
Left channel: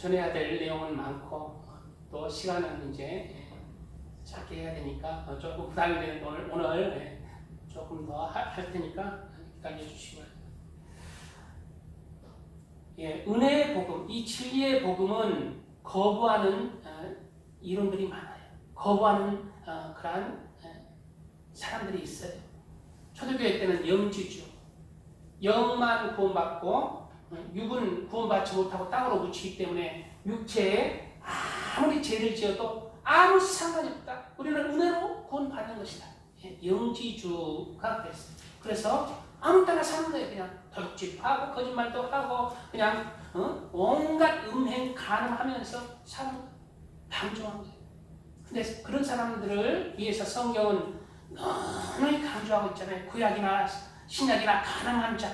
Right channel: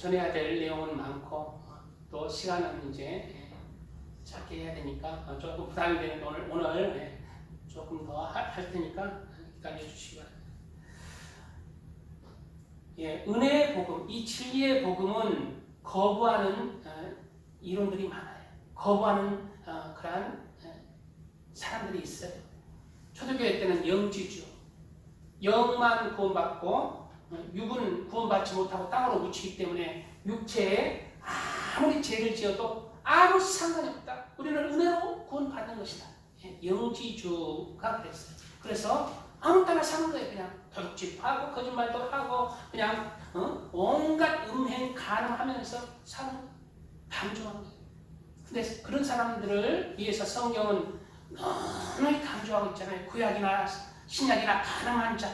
전해야 될 내용은 많고 또 시간은 이제 짧게 해야 되니까 조금 부담이 되는 오늘 조금 더 할 테니까 기다려 주시기 바랍니다. 은혜의 복음, 이 진리의 복음은 거부하는 이론들이 많아요. 거부하는 그러한 사람들이 있어요. 초대교회 때는 영지주, 영만 구원받고 육은 구원받지 못하고 땅으로 묻히기 때문에 육체에 아무리 죄를 지어도 아무 상관이 없다. 우리는 은혜로 구원받는 것이다. 영지주가 그랬어요. 그래서 아무 때나 사는 거예요. 그냥 도둑질하고 거짓말도 하고 그냥 온갖 음행 가능하면서 사는 방종한 거예요. 근데 그런 사람들을 위해서 성경은 너무 강조하고 있잖아요. 구약이나 신약이나 가능한 자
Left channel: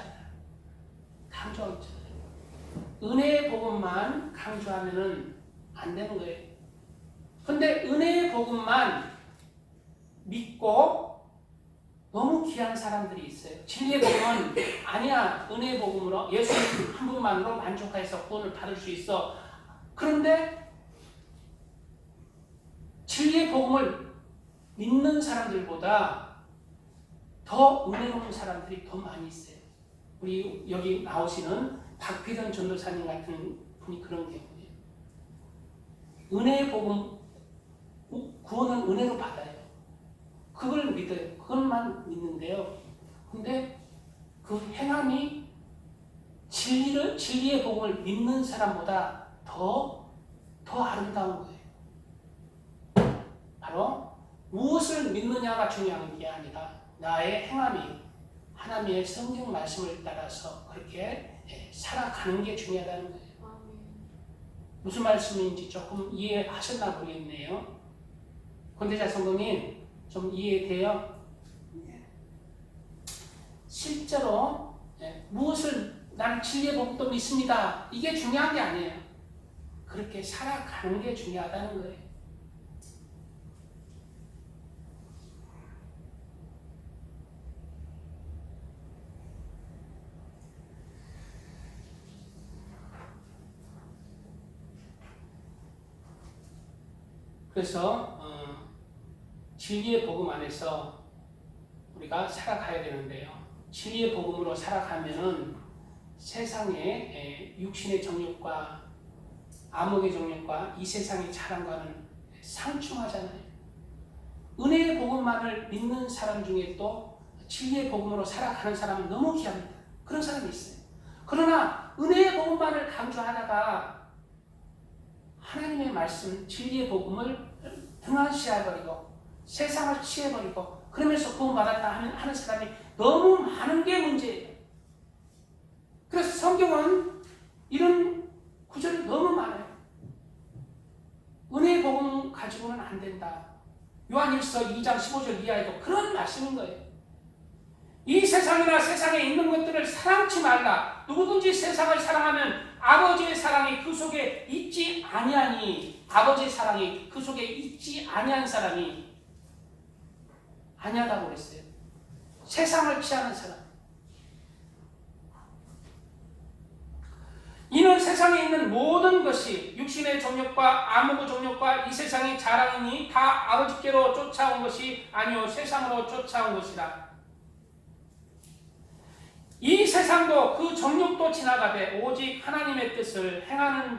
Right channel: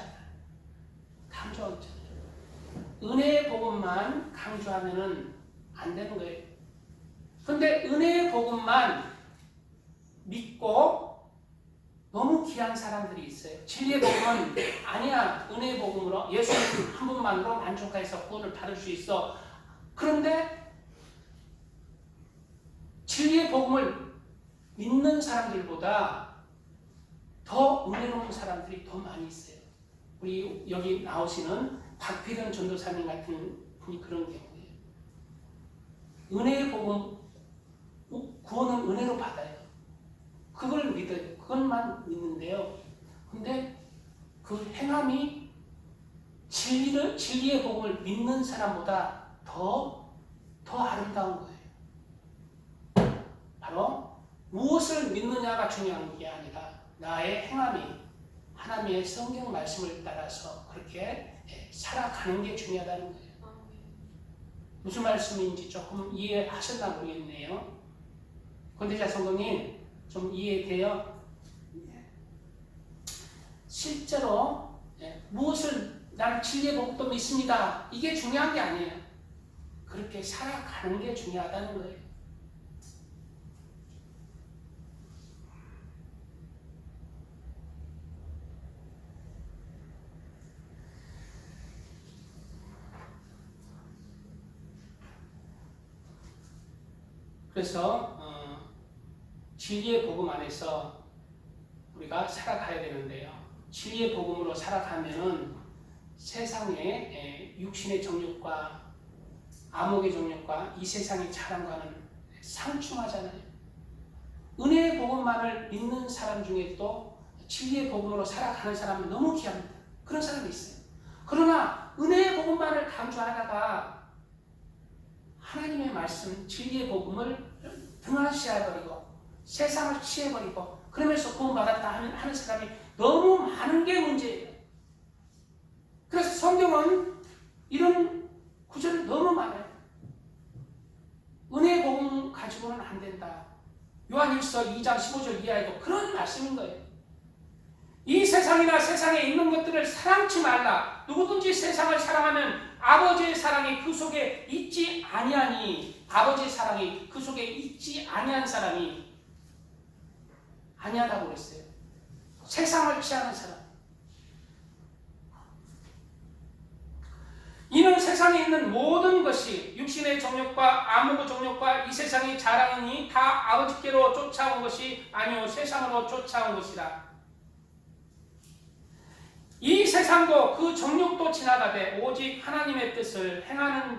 강조하고 있잖아요. 은혜의 복음만 강조하면은 안 되는 거예요. 근데 은혜의 복음만 믿고 너무 귀한 사람들이 있어요. 진리의 복음은 아니야. 은혜의 복음으로 예수님 한 분만으로 만족해서 구원을 받을 수 있어. 그런데 진리의 복음을 믿는 사람들보다 더 은혜로운 사람들이 더 많이 있어요. 우리 여기 나오시는 박필현 전도사님 같은 분이 그런 경우예요. 은혜의 복음, 구원은 은혜로 받아요. 그걸 믿어요. 그것만 믿는데요. 근데 그 행함이 진리의 복음을 믿는 사람보다 더 아름다운 거예요. 바로 무엇을 믿느냐가 중요한 게 아니라 나의 행함이 하나님의 성경 말씀을 따라서 그렇게 살아가는 게 중요하다는 거예요. 무슨 말씀인지 조금 이해하셨나 모르겠네요. 권대자 성도님 좀 이해돼요? 실제로 무엇을 나는 진리의 복음도 믿습니다. 이게 중요한 게 아니에요. 그렇게 살아가는 게 중요하다는 거예요. 그래서 진리의 복음 안에서 우리가 살아가야 되는데요. 진리의 복음으로 살아가면은 세상의 육신의 정욕과 암흑의 정욕과 이 세상의 자랑과는 상충하잖아요. 은혜의 복음만을 믿는 사람 중에 또 진리의 복음으로 살아가는 사람은 너무 귀합니다. 그런 사람이 있어요. 그러나 은혜의 복음만을 강조하다가 하나님의 말씀, 진리의 복음을 등한시해버리고 세상을 취해버리고 그러면서 구원받았다 하는 사람이 너무 많은 게 문제예요. 그래서 성경은 이런 구절이 너무 많아요. 은혜의 복음 가지고는 안 된다. 요한일서 2장 15절 이하에도 그런 말씀인 거예요. 이 세상이나 세상에 있는 것들을 사랑치 말라. 누구든지 세상을 사랑하면 아버지의 사랑이 그 속에 있지 아니하니 아버지의 사랑이 그 속에 있지 아니한 사람이 아니하다고 그랬어요. 세상을 피하는 사람. 이는 세상에 있는 모든 것이 육신의 정욕과 암흑의 정욕과 이 세상의 자랑이니 다 아버지께로 쫓아온 것이 아니요 세상으로 쫓아온 것이라. 이 세상도 그 정욕도 지나가되 오직 하나님의 뜻을 행하는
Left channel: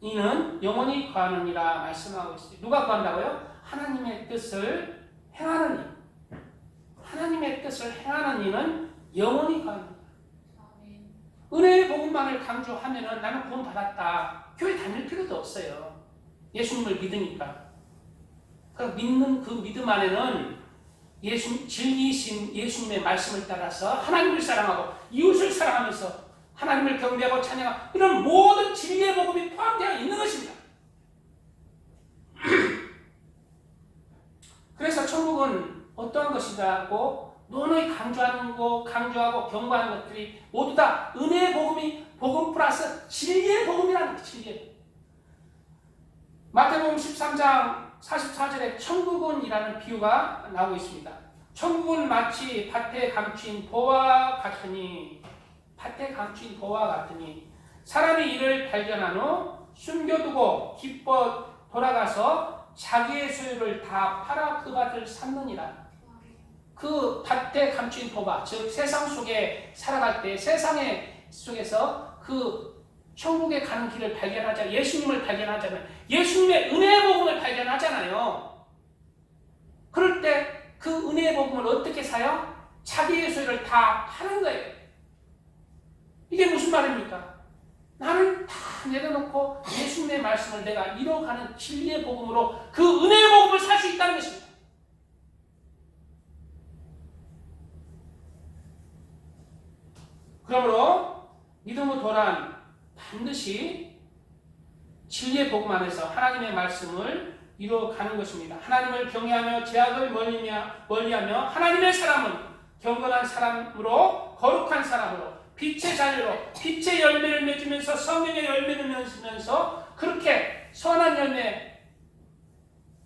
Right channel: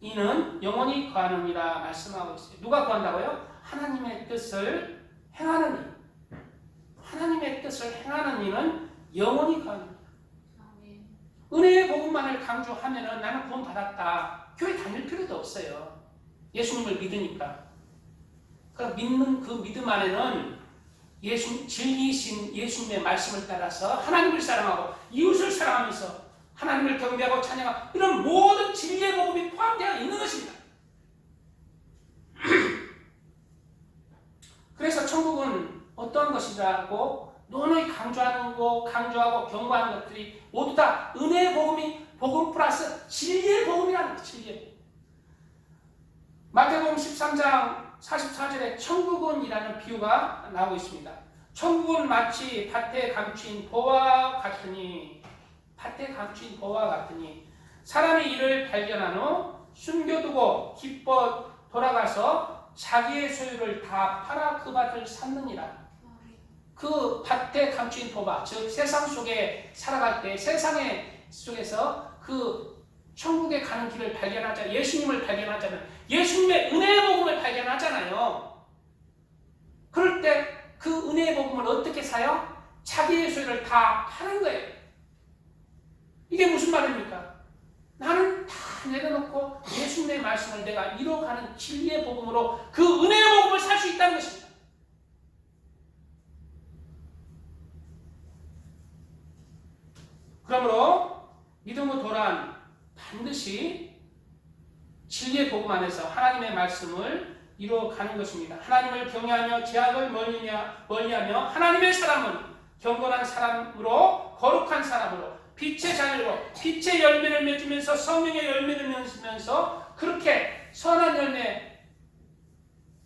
이는 영원히 거하느니라 말씀하고 있어요. 누가 거한다고요? 하나님의 뜻을 행하는 이. 하나님의 뜻을 행하는 이는 영원히 거하느니라. 은혜의 복음만을 강조하면은 나는 구원 받았다. 교회 다닐 필요도 없어요. 예수님을 믿으니까. 그러니까 믿는 그 믿음 안에는 진리이신 예수님의 말씀을 따라서 하나님을 사랑하고 이웃을 사랑하면서 하나님을 경배하고 찬양하고 이런 모든 진리의 복음이 포함되어 있는 것입니다. 그래서 천국은 어떠한 것이라고 노노히 강조하고 경고하는 것들이 모두 다 은혜의 복음 플러스 진리의 복음이라는 거예요. 진리의 복음. 마태복음 13장 44절에 천국은이라는 비유가 나오고 있습니다. 천국은 마치 밭에 감추인 보와 같으니 사람이 이를 발견한 후 숨겨두고 기뻐 돌아가서 자기의 소유를 다 팔아 그 밭을 샀느니라. 그 밭에 감춘 도박, 즉 세상 속에 살아갈 때 세상의 속에서 그 천국에 가는 길을 발견하자, 예수님을 발견하잖아요. 예수님의 은혜의 복음을 발견하잖아요. 그럴 때 그 은혜의 복음을 어떻게 사요? 자기의 소유를 다 파는 거예요. 이게 무슨 말입니까? 나는 다 내려놓고 예수님의 말씀을 내가 이뤄가는 진리의 복음으로 그 은혜의 복음을 살 수 있다는 것입니다. 그러므로 믿음의 도란 반드시 진리의 복음 안에서 하나님의 말씀을 이루어가는 것입니다. 하나님을 경외하며 죄악을 멀리하며 하나님의 사람은 경건한 사람으로 거룩한 사람으로 빛의 자녀로 빛의 열매를 맺으면서 성령의 열매를 맺으면서 그렇게 선한 열매,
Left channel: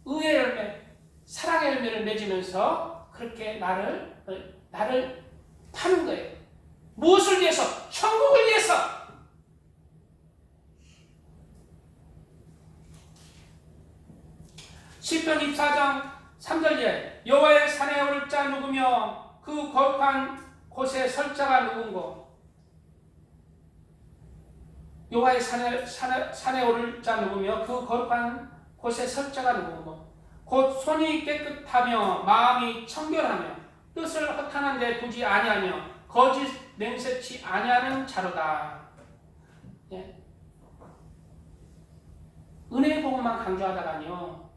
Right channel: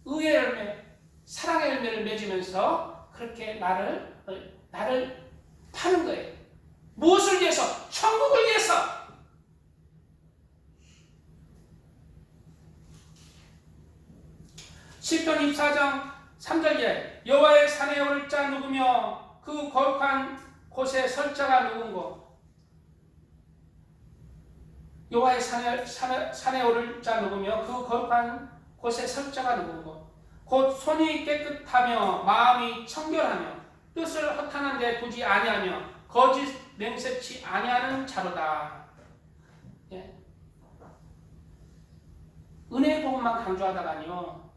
의의 열매, 사랑의 열매를 맺으면서 그렇게 나를 파는 거예요. 무엇을 위해서? 천국을 위해서. 시편 24장 3절에 여호와의 산에 오를 자 누구며 그 거룩한 곳에 설 자가 누군고. 여호와의 산에 오를 자 누구며 그 거룩한 곳에 설 자가 누군고. 곧 손이 깨끗하며 마음이 청결하며 뜻을 허탄한 데 두지 아니하며 거짓 맹세치 아니하는 자로다. 예. 은혜의 복음만 강조하다가요,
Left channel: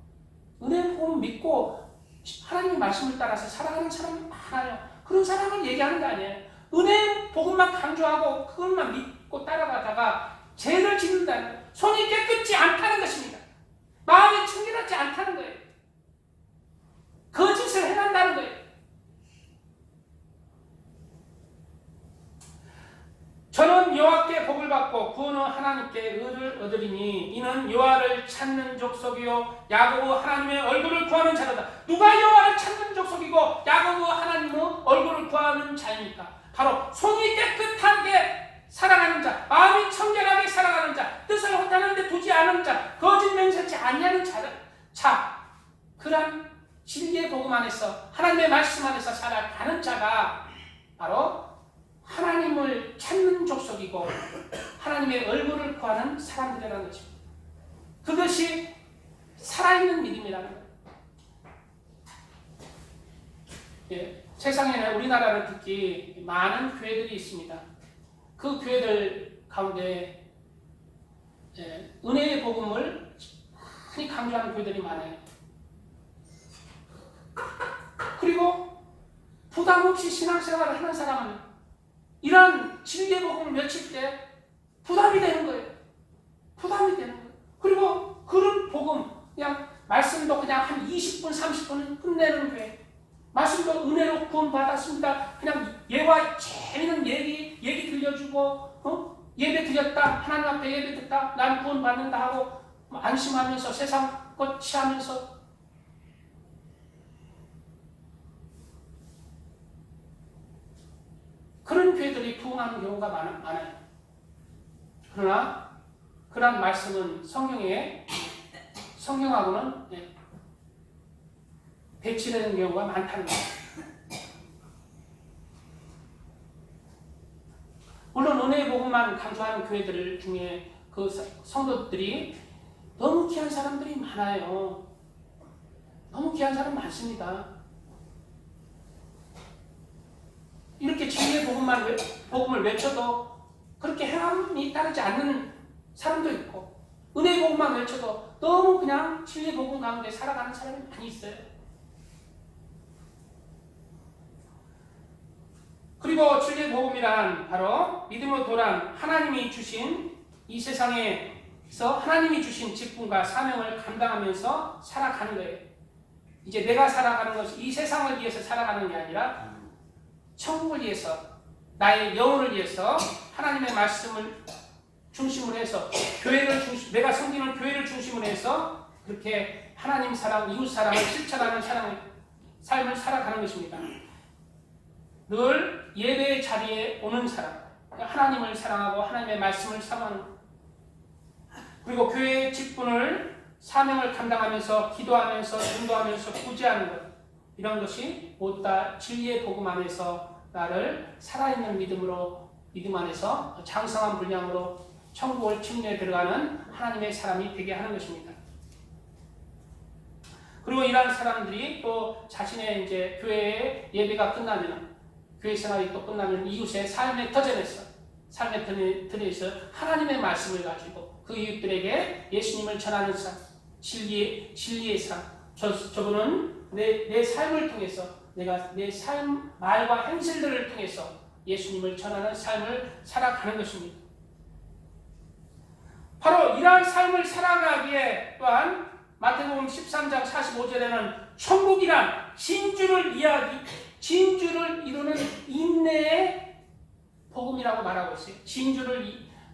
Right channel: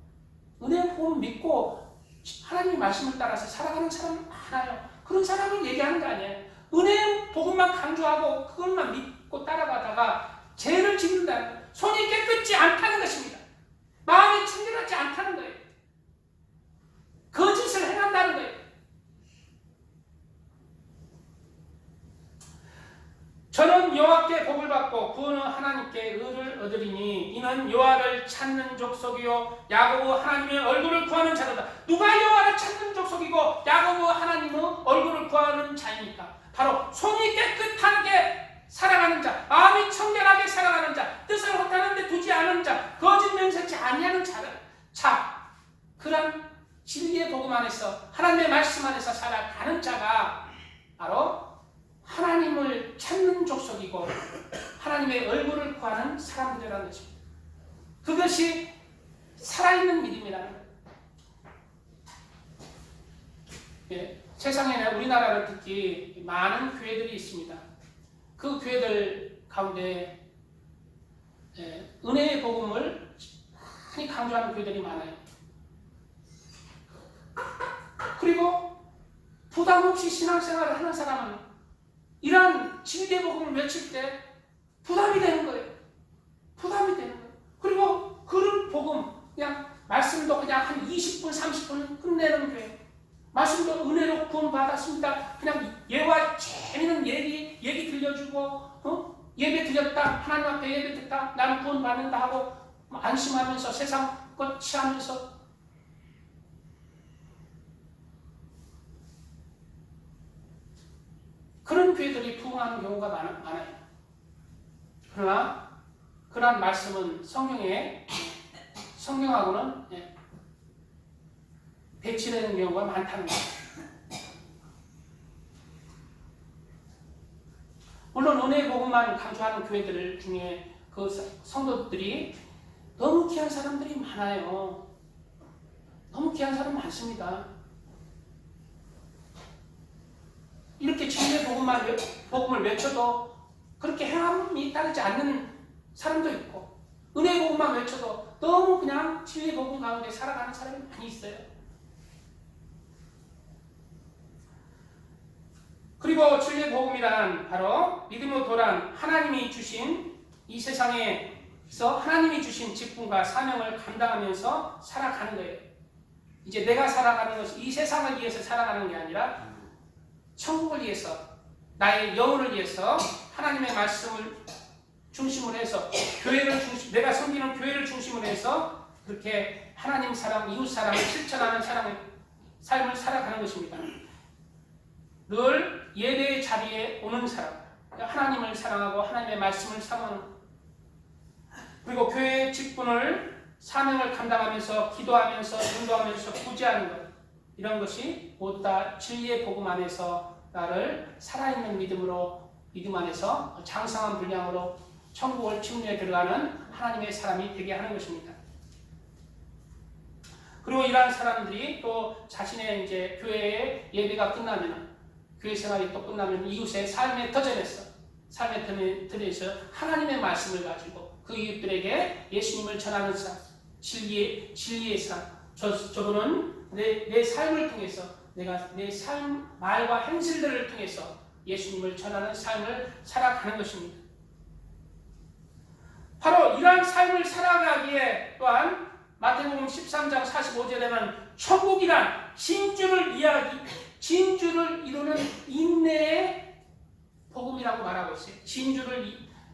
은혜의 복음 믿고 하나님의 말씀을 따라서 살아가는 사람이 많아요. 그런 사람을 얘기하는 거 아니에요. 은혜의 복음만 강조하고 그것만 믿고 따라가다가 죄를 짓는다는 거예요. 손이 깨끗지 않다는 것입니다. 마음이 청결하지 않다는 거예요. 거짓을 행한다는 거예요. 저는 여호와께 복을 받고 구원은 하나님께 의를 얻으리니 이는 여호와를 찾는 족속이요 야곱의 하나님의 얼굴을 구하는 자로다. 누가 여호와를 찾는 족속이고 야곱의 하나님의 얼굴을 구하는 자입니까? 바로 손이 깨끗하게 살아가는 자, 마음이 청결하게 살아가는 자, 뜻을 허탄한 데 두지 않은 자, 거짓 맹세치 아니하는 자, 그런 진리의 복음 안에서 하나님의 말씀 안에서 살아가는 자가 바로 하나님을 찾는 족속이고 하나님의 얼굴을 구하는 사람들이라는 거죠. 그것이 살아있는 믿음이라는 거예요. 예, 세상에 우리나라를 특히 많은 교회들이 있습니다. 그 교회들 가운데 은혜의 복음을 많이 강조하는 교회들이 많아요. 그리고 부담 없이 신앙생활을 하는 사람은 이러한 진리의 복음을 외칠 때 부담이 되는 거예요. 부담이 되는 거예요. 그리고 그런 복음, 그냥 말씀도 그냥 한 20분, 30분 끝내는 교회. 말씀도 은혜로 구원받았습니다. 그냥 예와 재미있는 얘기 들려주고, 예배 드렸다, 하나님 앞에 예배 드렸다, 난 구원받는다 하고 안심하면서 세상 것 취하면서 그런 교회들이 부흥하는 경우가 많아요. 그러나 그러한 말씀은 성경하고는 배치되는 경우가 많다는 거예요. 물론 은혜의 복음만 강조하는 교회들 중에 그 성도들이 너무 귀한 사람들이 많아요. 너무 귀한 사람 많습니다. 이렇게 진리의 복음을 외쳐도 그렇게 행함이 따르지 않는 사람도 있고, 은혜의 복음만 외쳐도 너무 그냥 진리의 복음 가운데 살아가는 사람이 많이 있어요. 그리고 진리의 복음이란 바로 믿음의 도란, 하나님이 주신 이 세상에서 하나님이 주신 직분과 사명을 감당하면서 살아가는 거예요. 이제 내가 살아가는 것은 이 세상을 위해서 살아가는 게 아니라 천국을 위해서, 나의 영혼을 위해서 하나님의 말씀을 중심으로 해서 내가 섬기는 교회를 중심으로 해서 그렇게 하나님 사랑, 이웃 사랑을 실천하는 삶을 살아가는 것입니다. 늘 예배의 자리에 오는 사람, 하나님을 사랑하고 하나님의 말씀을 사모하는 것. 그리고 교회의 직분을 사명을 감당하면서 기도하면서 인도하면서 구제하는 것. 이런 것이 모두 다 진리의 복음 안에서 나를 살아있는 믿음 안에서 장성한 분량으로 천국을 침례에 들어가는 하나님의 사람이 되게 하는 것입니다. 그리고 이러한 사람들이 또 자신의 이제 교회의 예배가 끝나면, 교회 생활이 또 끝나면 이웃의 삶의 터전에서 하나님의 말씀을 가지고 그 이웃들에게 예수님을 전하는 삶, 진리의 삶. 저분은 내 삶을 통해서, 내가 내 삶, 말과 행실들을 통해서 예수님을 전하는 삶을 살아가는 것입니다. 바로 이러한 삶을 살아가기에 또한 마태복음 13장 45절에는 천국이란 진주를 이루는 인내의 복음이라고 말하고 있어요.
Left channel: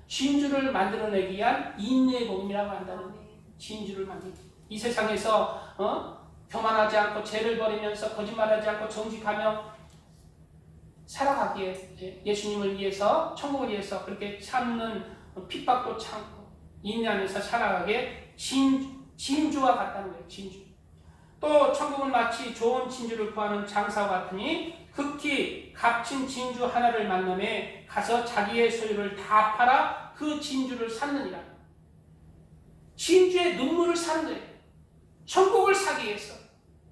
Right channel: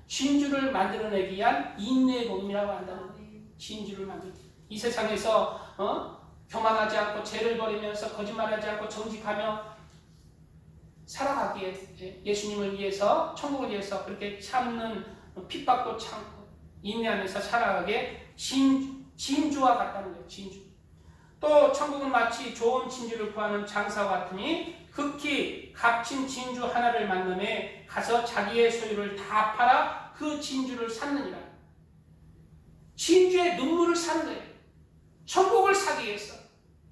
진주를 만들어내기 위한 인내의 복음이라고 한다는 거예요. 진주를 만들기. 이 세상에서 교만하지 않고 죄를 버리면서 거짓말하지 않고 정직하며 살아가기에 예수님을 위해서, 천국을 위해서 그렇게 참는, 핍박도 참고 인내하면서 살아가기에 진주와 같다는 거예요. 진주. 또 천국은 마치 좋은 진주를 구하는 장사와 같으니 극히 값진 진주 하나를 만남에 가서 자기의 소유를 다 팔아 그 진주를 샀느니라. 진주의 눈물을 사는 거예요. 천국을 사기 위해서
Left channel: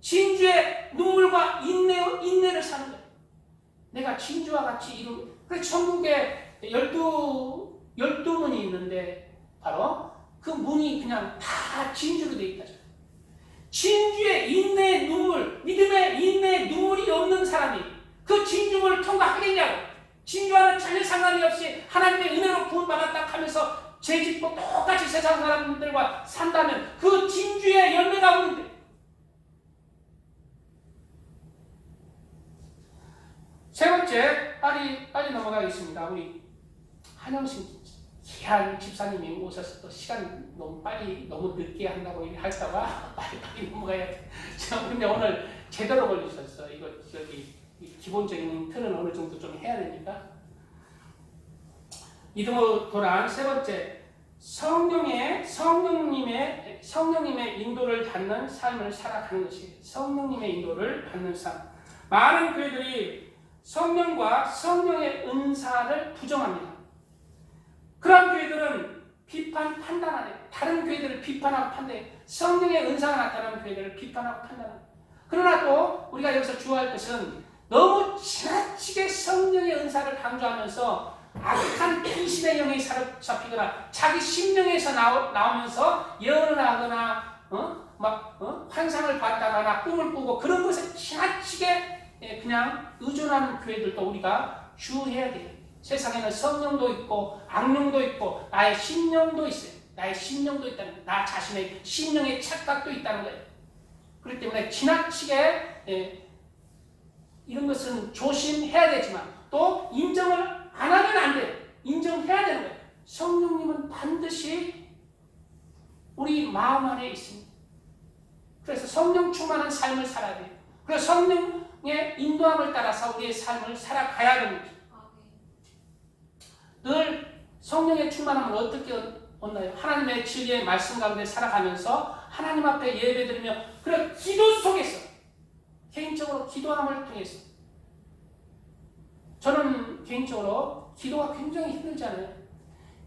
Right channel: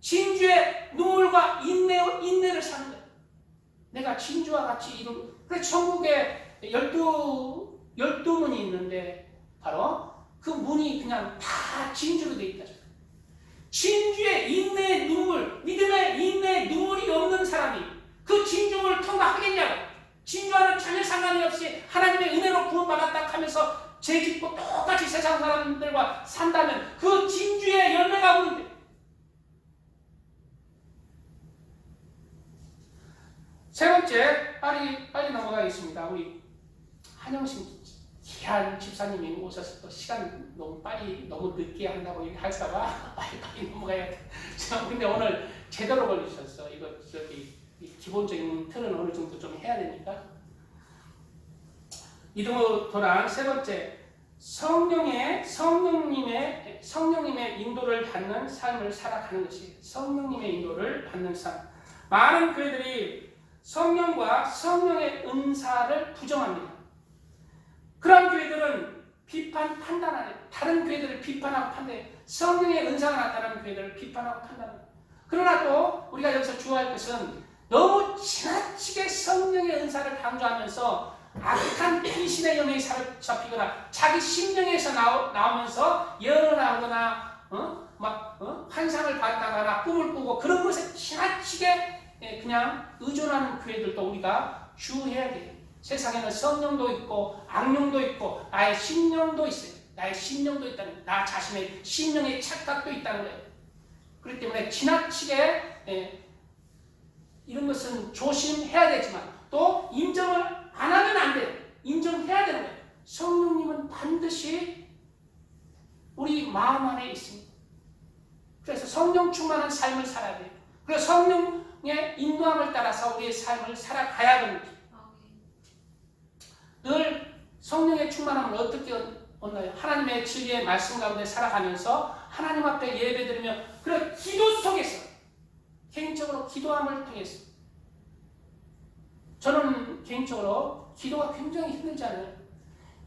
진주의 눈물과 인내를 사는 거예요. 내가 진주와 같이 그래서 천국에 12문이 있는데 바로 그 문이 그냥 다 진주로 되어 있다. 진주의 인내의 눈물, 믿음의 인내의 눈물이 없는 사람이 그 진주를 통과하겠냐고. 진주와는 전혀 상관이 없이 하나님의 은혜로 구원받았다 하면서 죄짓고 똑같이 세상 사람들과 산다면 그 진주의 열매가 오는데. 세 번째, 빨리 넘어가겠습니다. 우리 한영신 귀한 집사님이 오셔서 또 시간 너무 늦게 한다고 할까봐 빨리 넘어가야 돼. 근데 오늘 제대로 걸리셨어. 이거 기본적인 틀은 어느 정도 좀 해야 되니까. 믿음으로 돌아간 세 번째, 성령님의 인도를 받는 삶을 살아가는 것이에요. 성령님의 인도를 받는 삶. 많은 교회들이 성령과 성령의 은사를 부정합니다. 그런 교회들은 판단하네. 다른 교회들을 비판하고 판단해. 성령의 은사가 나타나는 교회들을 비판하고 판단해. 그러나 또 우리가 여기서 주의할 것은 너무 지나치게 성령의 은사를 강조하면서 악한 偏심의 영에 사로잡히거나 자기 심령에서 나오면서 예언을 하거나 환상을 봤다거나 꿈을 꾸고 그런 것에 지나치게 그냥 의존하는 교회들도 우리가 주의해야 돼요. 세상에는 성령도 있고 악령도 있고 나의 심령도 있어요. 나의 심령도 있다는 거예요. 나 자신의 심령의 착각도 있다는 거예요. 그렇기 때문에 지나치게 이런 것은 조심해야 되지만 또 인정을 안 하면 안 돼요. 인정해야 되는 거예요. 성령님은 반드시 우리 마음 안에 있습니다. 그래서 성령 충만한 삶을 살아야 돼요. 그래서 성령의 인도함을 따라서 우리의 삶을 살아가야 됩니다. 늘 성령의 충만함을 어떻게 얻나요? 하나님의 진리의 말씀 가운데 살아가면서 하나님 앞에 예배드리며 그런 기도 속에서 개인적으로 기도함을 통해서 저는 개인적으로 기도가 굉장히 힘들지 않아요?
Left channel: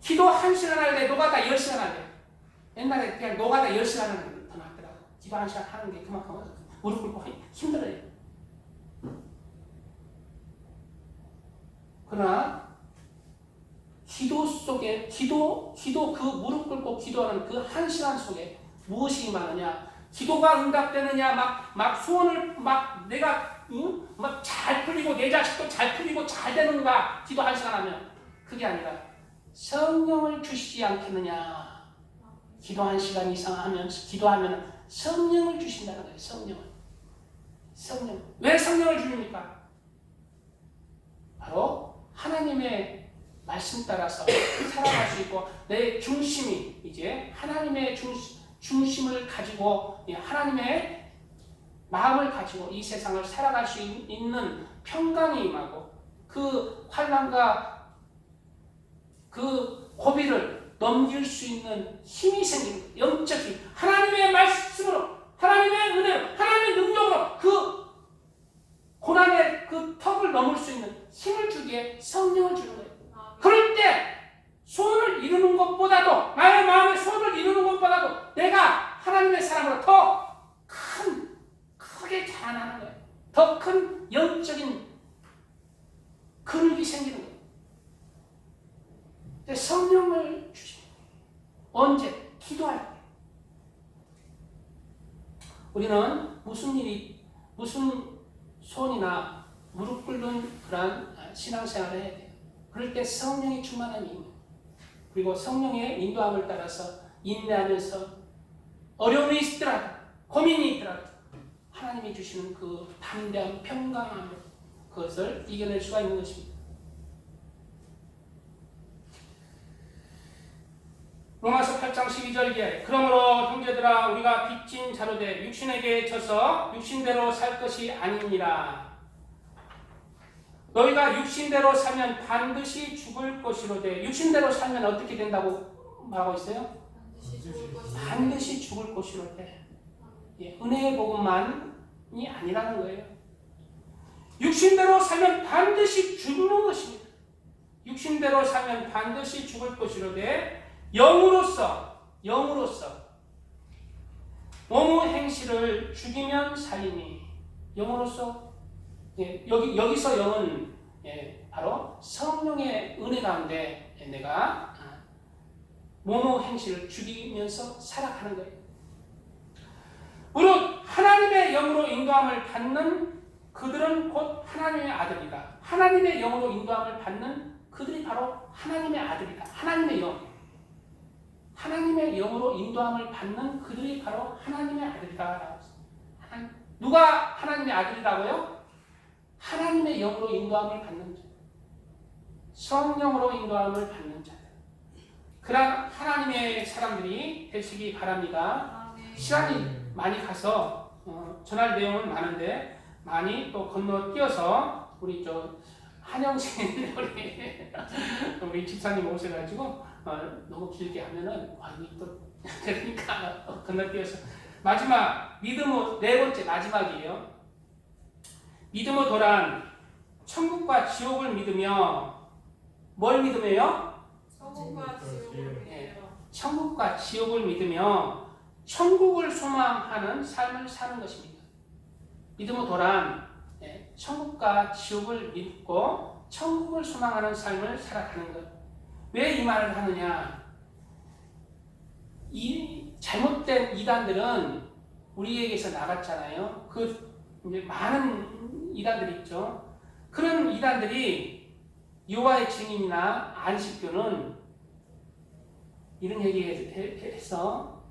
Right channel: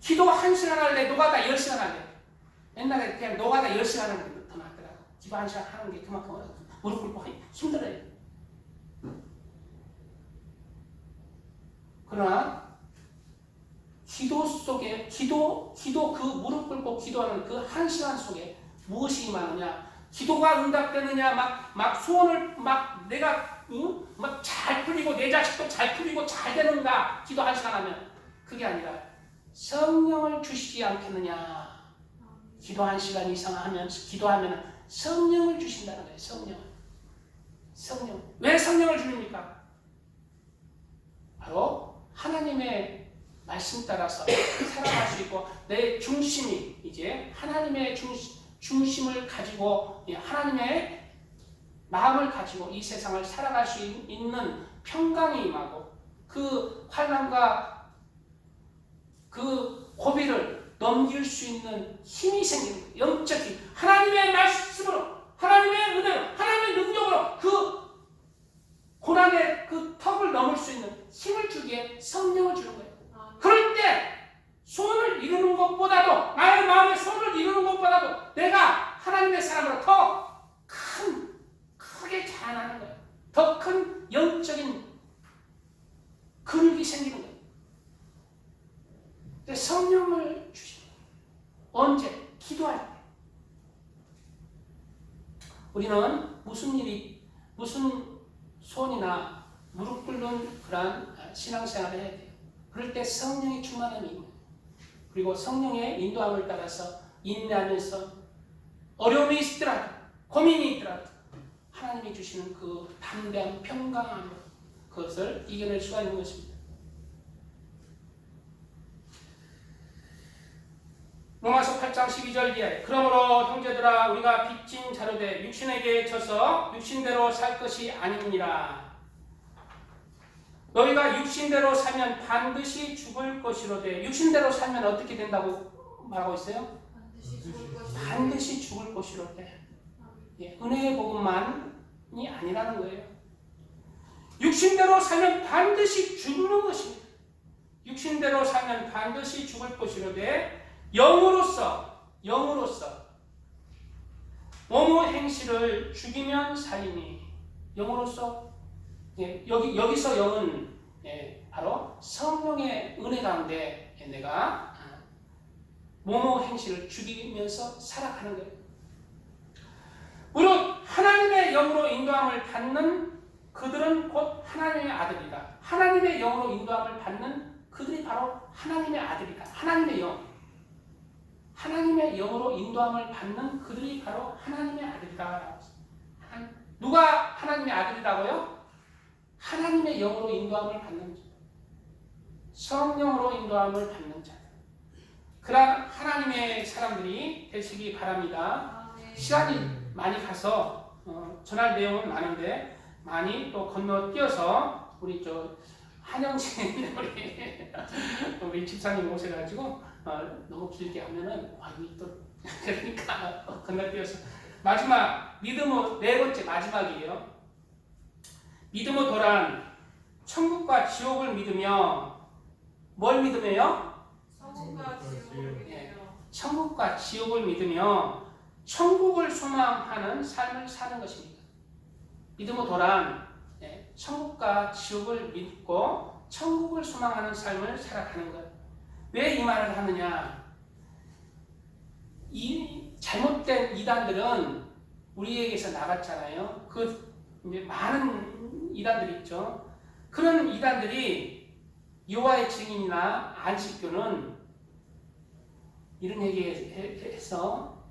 기도 1시간 할래? 노가다 10시간 할래? 옛날에 그냥 노가다 10시간 하는 게 더 낫더라고. 기도 1시간 하는 게 그만큼 무릎 꿇고 힘들어요. 그러나 기도 속에 그 무릎 꿇고 기도하는 그 1시간 속에 무엇이 임하느냐? 기도가 응답되느냐? 막 소원을 내가 막 잘 풀리고 내 자식도 잘 풀리고 잘 되는가? 기도 1시간 하면 그게 아니라 성령을 주시지 않겠느냐? 기도 1시간 이상 기도하면 성령을 주신다는 거예요. 성령. 왜 성령을 주십니까? 바로 하나님의 말씀 따라서 살아갈 수 있고 내 중심이 이제 하나님의 중심을 가지고 하나님의 마음을 가지고 이 세상을 살아갈 수 있는 평강이 임하고 그 환난과 그 고비를 넘길 수 있는 힘이 생기는 영적인 하나님의 말씀으로, 하나님의 은혜로, 하나님의 능력으로 그 고난의 그 턱을 넘을 수 있는 힘을 주기에 성령을 주는 거예요. 그럴 때 소원을 이루는 것보다도, 나의 마음의 소원을 이루는 것보다도 내가 하나님의 사랑으로 더 크게 자라나는 거예요. 더 큰 영적인 근육이 생기는 거예요. 근데 성령을 주십니다. 언제? 기도할 때. 우리는 무슨 소원이나 무릎 꿇는 그러한 신앙생활을 해야 돼요. 그럴 때 성령의 충만한 임무, 그리고 성령의 인도함을 따라서 인내하면서 어려움이 있더라도, 고민이 있더라도 하나님이 주시는 그 담대한 평강함, 그것을 이겨낼 수가 있는 것입니다. 로마서 8장 12절 이하에 그러므로 형제들아 우리가 빚진 자로 돼 육신에게 져서 육신대로 살 것이 아니니라. 너희가 육신대로 살면 반드시 죽을 것이로되. 육신대로 살면 어떻게 된다고 말하고 있어요? 반드시 죽을 것이로되. 은혜의 복음만이 아니라는 거예요. 육신대로 살면 반드시 죽는 것입니다. 육신대로 살면 반드시 죽을 것이로되 영으로서 몸의 행실을 죽이면 살이니. 영으로서, 여기서 영은 바로 성령의 은혜 가운데 내가 몸의 행실을 죽이면서 살아가는 거예요. 무릇 하나님의 영으로 인도함을 받는 그들은 곧 하나님의 아들이다. 하나님의 영으로 인도함을 받는 그들이 바로 하나님의 아들이다. 하나님의 영으로 인도함을 받는 그들이 바로 하나님의 아들이라고 했습니다. 누가 하나님의 아들이라고요? 하나님의 영으로 인도함을 받는 자, 성령으로 인도함을 받는 자들, 그런 하나님의 사람들이 되시기 바랍니다. 시간이 많이 가서 전할 내용은 많은데 많이 또 건너뛰어서 우리 한영신 우리 집사님 오셔가지고 너무 길게 하면은 또 그러니까 건너뛰어서 마지막 믿음의 네 번째 마지막이에요. 믿음의 도란 천국과 지옥을 믿으며. 뭘 믿으며요? 천국과 지옥을 믿으며 천국을 소망하는 삶을 사는 것입니다. 믿음의 도란, 천국과 지옥을 믿고 천국을 소망하는 삶을 살아가는 것. 왜 이 말을 하느냐? 이 잘못된 이단들은 우리에게서 나갔잖아요. 이제 많은 이단들이 있죠. 그런 이단들이 여호와의 증인이나 안식교는 이런 얘기해서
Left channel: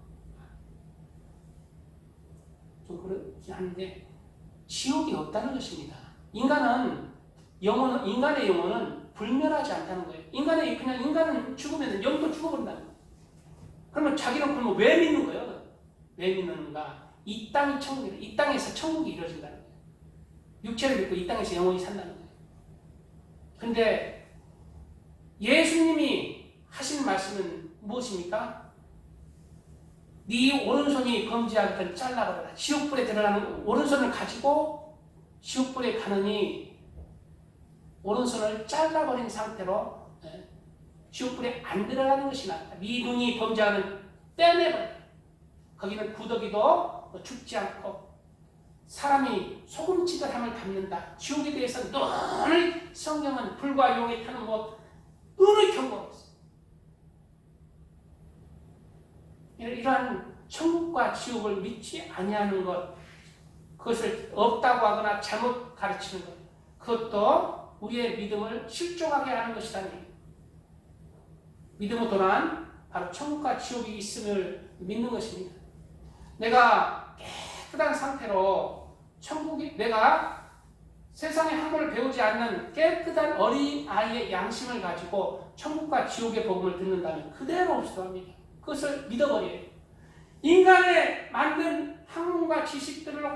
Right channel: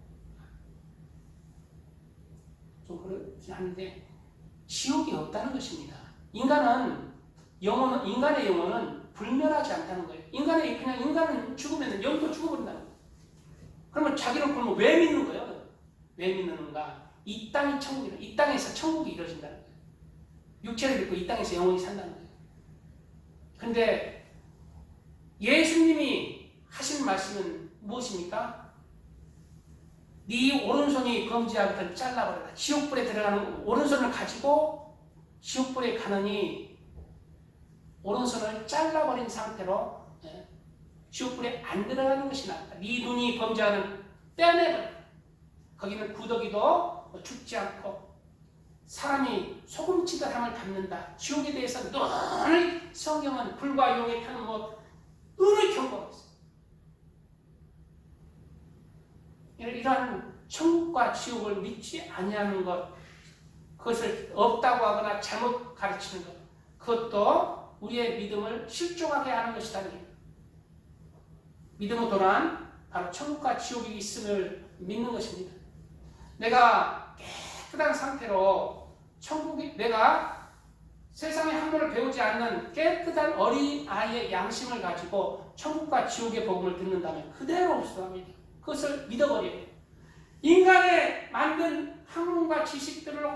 좀 그렇긴 한데 지옥이 없다는 것입니다. 인간의 영혼은 불멸하지 않다는 거예요. 인간은 죽으면 영도 죽어버린다는 거예요. 그러면 자기는 그러면 왜 믿는 거예요? 왜 믿는가? 이 땅이 천국이다. 이 땅에서 천국이 이루어진다는 거예요. 육체를 믿고 이 땅에서 영원히 산다는 거예요. 그런데 예수님이 하신 말씀은 무엇입니까? 네 오른손이 범죄한 것을 잘라버려라. 지옥불에 들어가는 오른손을 가지고 지옥불에 가느니 오른손을 잘라버린 상태로 지옥불에 안 들어가는 것이 낫다. 네 눈이 범죄하는 떼내버려. 거기는 구더기도 죽지 않고 사람이 소금치듯함을 갚는다. 지옥에 대해서 늘 성경은 불과 용에 타는 늘 경고하고 있어요. 이러한 천국과 지옥을 믿지 아니하는 것, 그것을 없다고 하거나 잘못 가르치는 것, 그것도 우리의 믿음을 실종하게 하는 것이라는 얘기입니다. 믿음의 도란, 바로 천국과 지옥이 있음을 믿는 것입니다. 내가 깨끗한 상태로 내가 세상에 학문을 배우지 않는 깨끗한 어린 아이의 양심을 가지고 천국과 지옥의 복음을 듣는다면 그대로 흡수합니다. 그것을 믿어버려요. 인간의 만든 학문과 지식들로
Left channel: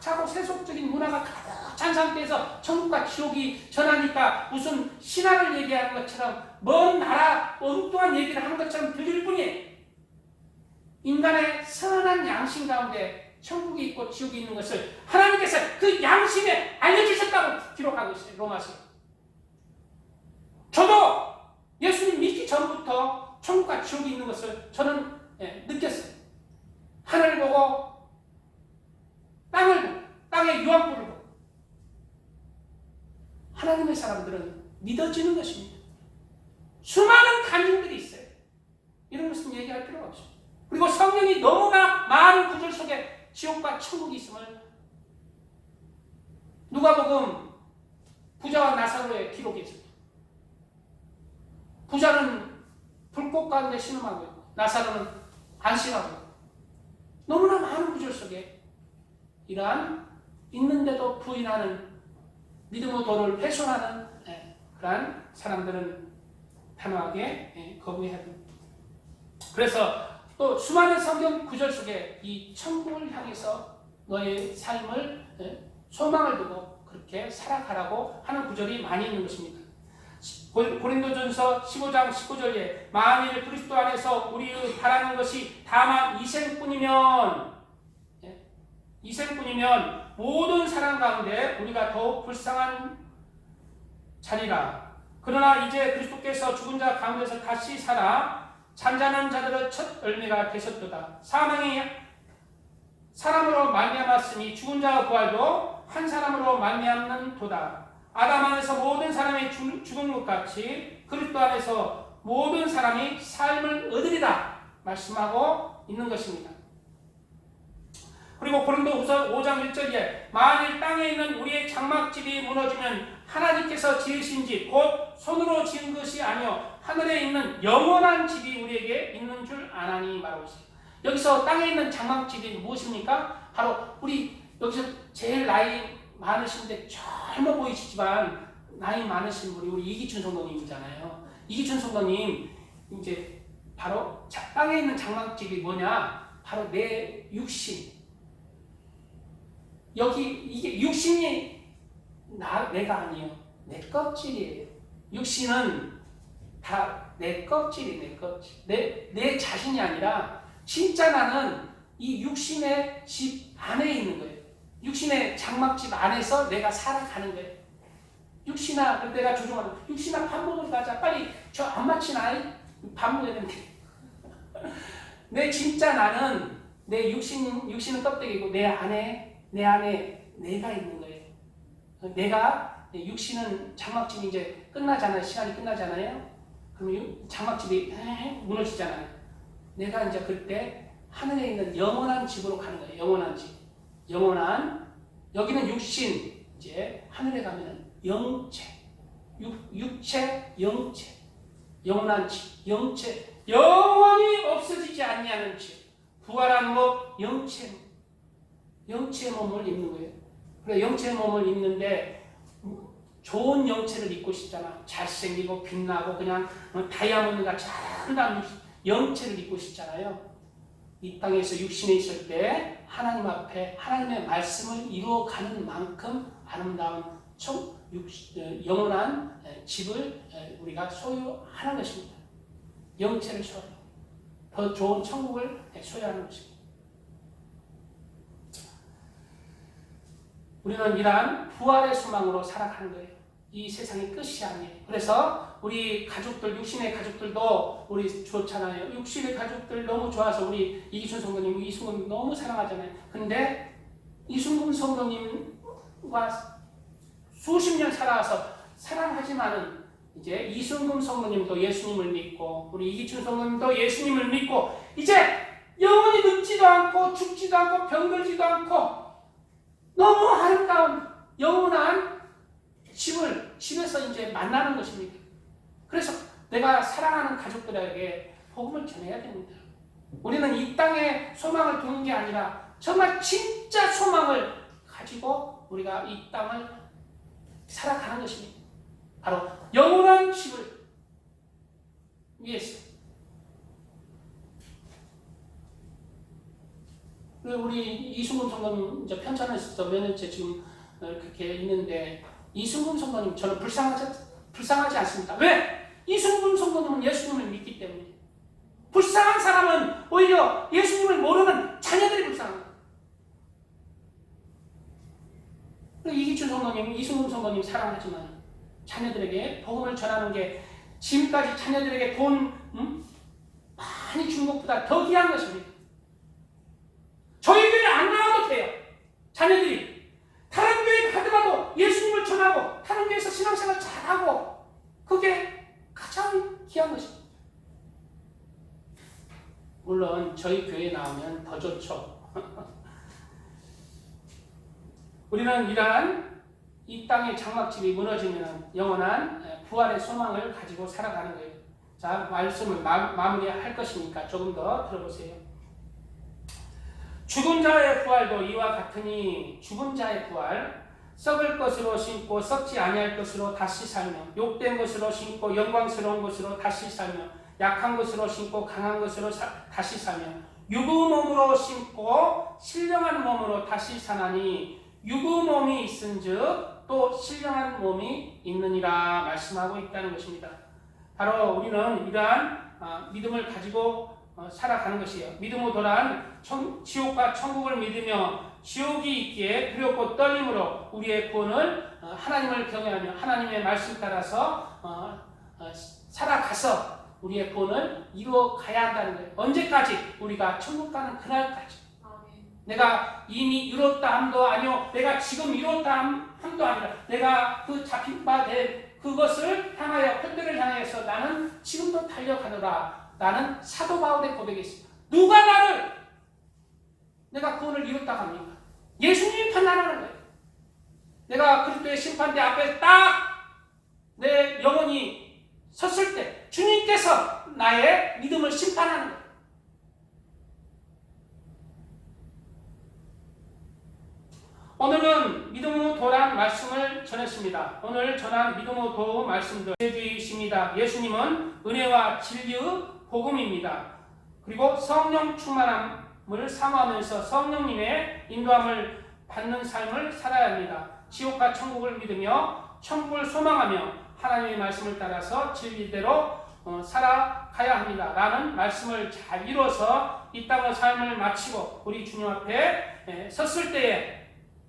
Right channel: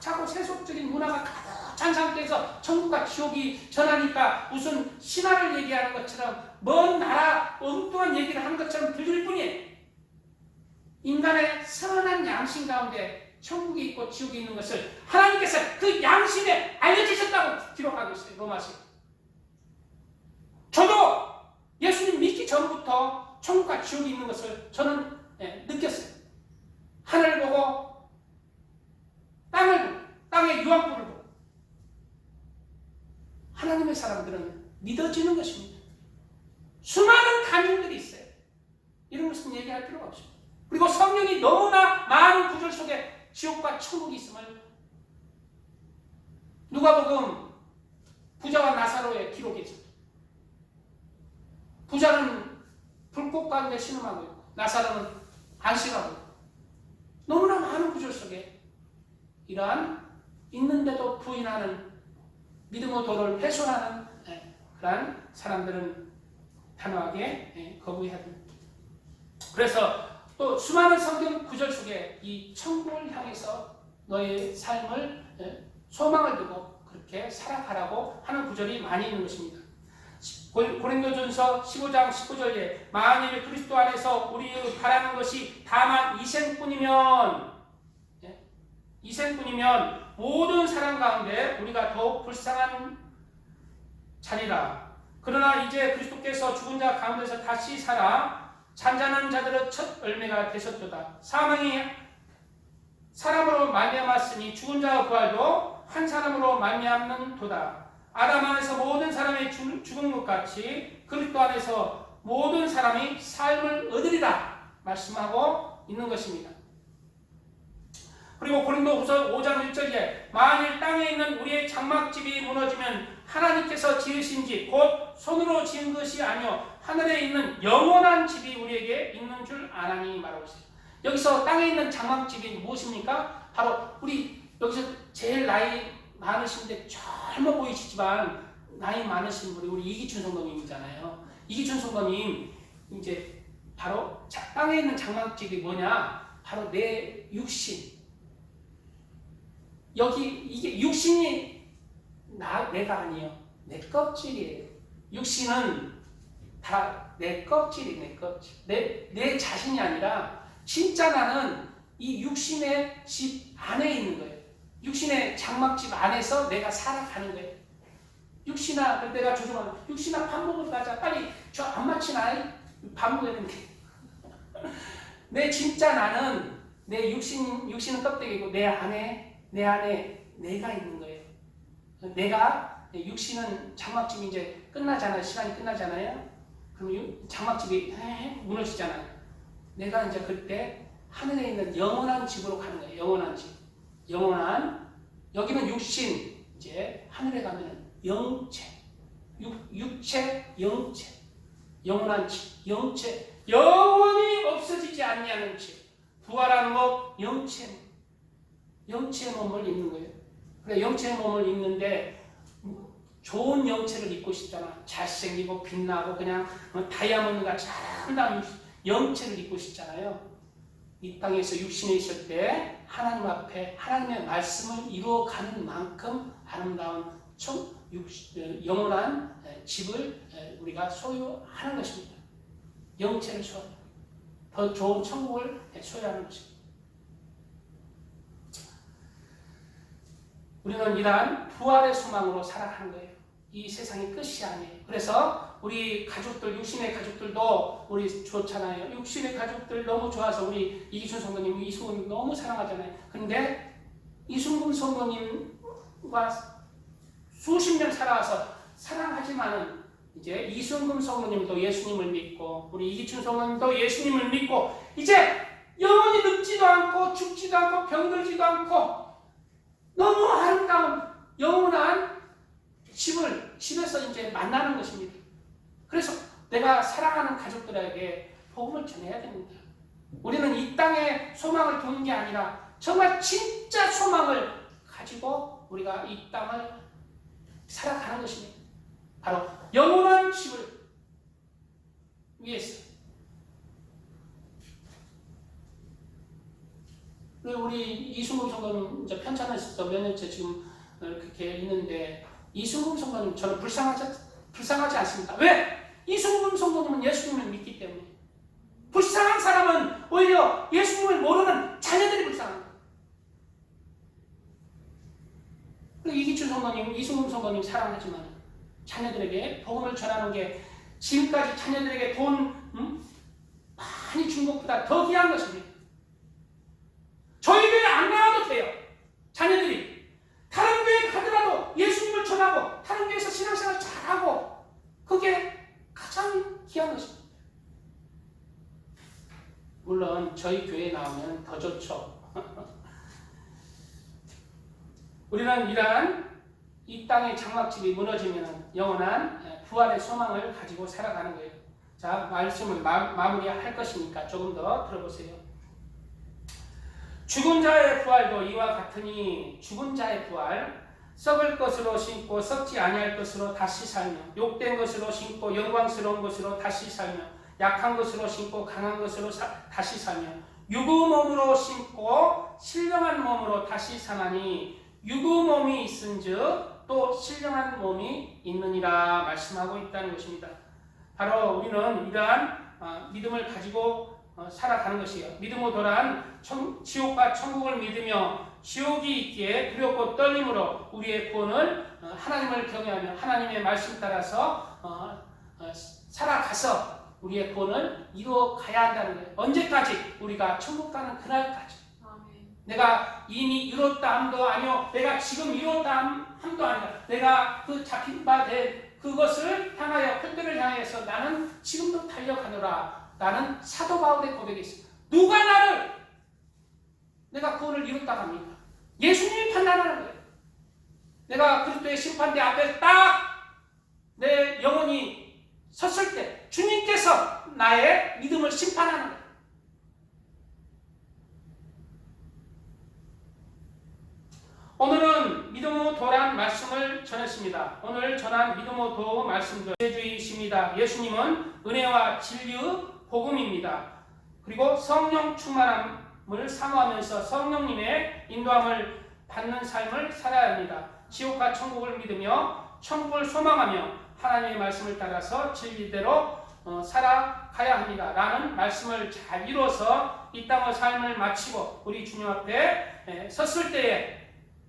차고 세속적인 문화가 가득 찬 상태에서 천국과 지옥이 전하니까 무슨 신화를 얘기하는 것처럼 먼 나라 엉뚱한 얘기를 하는 것처럼 들릴 뿐이에요. 인간의 선한 양심 가운데 천국이 있고 지옥이 있는 것을 하나님께서 그 양심에 알려주셨다고 기록하고 있어요. 로마서. 저도 예수님 믿기 전부터 천국과 지옥이 있는 것을 저는 느꼈어요. 하늘을 보고 땅을 보고 땅의 유황불을 보고 하나님의 사람들은 믿어지는 것입니다. 수많은 간증들이 있어요. 이런 것은 얘기할 필요가 없습니다. 그리고 성경이 너무나 많은 구절 속에 지옥과 천국이 있음을 누가복음 부자와 나사로의 기록이 있습니다. 부자는 불꽃 가운데 신음하고 있고 나사로는 안식하고 있고 너무나 많은 구절 속에 이러한 있는데도 부인하는 믿음의 도를 훼손하는 그러한 사람들은 단호하게 거부해야 됩니다. 그래서 또 수많은 성경 구절 속에 이 천국을 향해서 너의 삶을 소망을 두고 그렇게 살아가라고 하는 구절이 많이 있는 것입니다. 고린도전서 15장 19절에 만일 그리스도 안에서 우리의 바라는 것이 다만 이생뿐이면 모든 사람 가운데 우리가 더욱 불쌍한 자니라. 그러나 이제 그리스도께서 죽은 자 가운데서 다시 살아 잠자는 자들의 첫 열매가 되셨도다. 사망이 사람으로 말미암았으니 죽은 자의 부활도 한 사람으로 말미암는도다. 아담 안에서 모든 사람이 죽은 것 같이 그리스도 안에서 모든 사람이 삶을 얻으리라 말씀하고 있는 것입니다. 그리고 고린도후서 5장 1절에 만일 땅에 있는 우리의 장막집이 무너지면 하나님께서 지으신 집 곧 손으로 지은 것이 아니요 하늘에 있는 영원한 집이 우리에게 있는 줄 아나니 말하고 있습니다. 여기서 땅에 있는 장막집이 무엇입니까? 바로 우리 여기서 제일 나이 많으신데 젊어 보이시지만 나이 많으신 분이 우리 이기춘 성도님이잖아요. 이기춘 성도님 이제 바로 땅에 있는 장막집이 뭐냐? 바로 내 육신. 여기 이게 육신이 내가 아니에요. 내 껍질이에요. 육신은 다 내 껍질이 내 껍질. 내 자신이 아니라 진짜 나는 이 육신의 집 안에 있는 거예요. 육신의 장막집 안에서 내가 살아가는 거예요. 육신아, 내가 조종하는 육신아 밥 먹으러 가자. 빨리 저 안 마치나? 밥 먹어야 되는데. 내 진짜 나는 내 육신은 껍데기고 내 안에 내가 있는 거예요. 내가 육신은 장막집이 이제 끝나잖아요. 시간이 끝나잖아요. 그럼 장막집이 무너지잖아요. 내가 이제 그때 하늘에 있는 영원한 집으로 가는 거예요. 영원한 집. 여기는 육신, 이제 하늘에 가면 영체. 육체, 영체. 영원한 집, 영체. 영원히 없어지지 아니하는 집. 부활한 것, 영체. 영체의 몸을 입는 거예요. 그래, 영체의 몸을 입는데 좋은 영체를 입고 싶잖아. 잘생기고 빛나고 그냥 다이아몬드 같이 아름다운 영체를 입고 싶잖아요. 이 땅에서 육신에 있을 때 하나님 앞에 하나님의 말씀을 이루어가는 만큼 아름다운 영원한 집을 우리가 소유하는 것입니다. 영체를 소유하는 더 좋은 천국을 소유하는 것입니다. 우리는 이러한 부활의 소망으로 살아가는 거예요. 이 세상의 끝이 아니에요. 그래서 우리 가족들, 육신의 가족들도 우리 좋잖아요. 육신의 가족들 너무 좋아서 우리 이기순 성도님, 이순금 너무 사랑하잖아요. 근데 이순금 성도님과 수십 년 살아와서 사랑하지만은 이제 이순금 성도님도 예수님을 믿고 우리 이기춘 성도님도 예수님을 믿고 이제 영원히 늙지도 않고 죽지도 않고 병들지도 않고 너무 아름다운 영원한 집에서 이제 만나는 것입니다. 그래서 내가 사랑하는 가족들에게 복음을 전해야 됩니다. 우리는 이 땅에 소망을 두는 게 아니라 정말 진짜 소망을 가지고 우리가 이 땅을 살아가는 것입니다. 바로 영원한 집을 위해서. 우리 이순금 성도님 이제 편찬했을 때 몇 년째 지금 그렇게 있는데 이순금 성도님 저는 불쌍하지 않습니다. 왜? 이순금 성도님은 예수님을 믿기 때문에. 불쌍한 사람은 오히려 예수님을 모르는 자녀들이 불쌍합니다. 이기춘 성도님, 이순금 성도님 사랑하지만 자녀들에게 복음을 전하는 게 지금까지 자녀들에게 돈 많이 준 것보다 더 귀한 것입니다. 저희 교회 안 나와도 돼요. 자녀들이 다른 교회 가더라도 예수님을 전하고 다른 교회에서 신앙생활 잘하고 그게 가장 귀한 것입니다. 물론 저희 교회에 나오면 더 좋죠. 우리는 이러한 이 땅의 장막집이 무너지면 영원한 부활의 소망을 가지고 살아가는 거예요. 자, 말씀을 마무리할 것이니까 조금 더 들어보세요. 죽은 자의 부활도 이와 같으니 죽은 자의 부활 썩을 것으로 심고 썩지 아니할 것으로 다시 살며 욕된 것으로 심고 영광스러운 것으로 다시 살며 약한 것으로 심고 강한 것으로 다시 살며 유구몸으로 심고 신령한 몸으로 다시 사나니 유구몸이 있은즉 또 신령한 몸이 있느니라 말씀하고 있다는 것입니다. 바로 우리는 이러한 믿음을 가지고 살아가는 것이에요. 믿음으로 돌아간 지옥과 천국을 믿으며 지옥이 있기에 두렵고 떨림으로 우리의 구원을 하나님을 경외하며 하나님의 말씀 따라서 살아가서 우리의 구원을 이루어 가야 한다는 거예요. 언제까지? 우리가 천국 가는 그날까지. 내가 이미 이뤘다 함도 아니요, 내가 지금 이뤘다 함도 아니라 내가 그 잡힌 바 된 그것을 향하여 편들을 향해서 나는 지금도 달려가노라. 나는 사도 바울의 고백이 있습니다. 누가 나를 내가 구원을 이뤘다 합니까? 예수님이 판단하는 거예요. 내가 그리스도의 심판대 앞에 딱 내 영혼이 섰을 때 주님께서 나의 믿음을 심판하는 거예요. 오늘은 믿음으로 도란 말씀을 전했습니다. 오늘 전한 믿음으로 도 말씀도 제주이십니다. 예수님은 은혜와 진리의 복음입니다. 그리고 성령 충만함을 사모하면서 성령님의 인도함을 받는 삶을 살아야 합니다. 지옥과 천국을 믿으며 천국을 소망하며 하나님의 말씀을 따라서 진리대로 살아가야 합니다. 라는 말씀을 잘 이뤄서 이 땅의 삶을 마치고 우리 주님 앞에 섰을 때에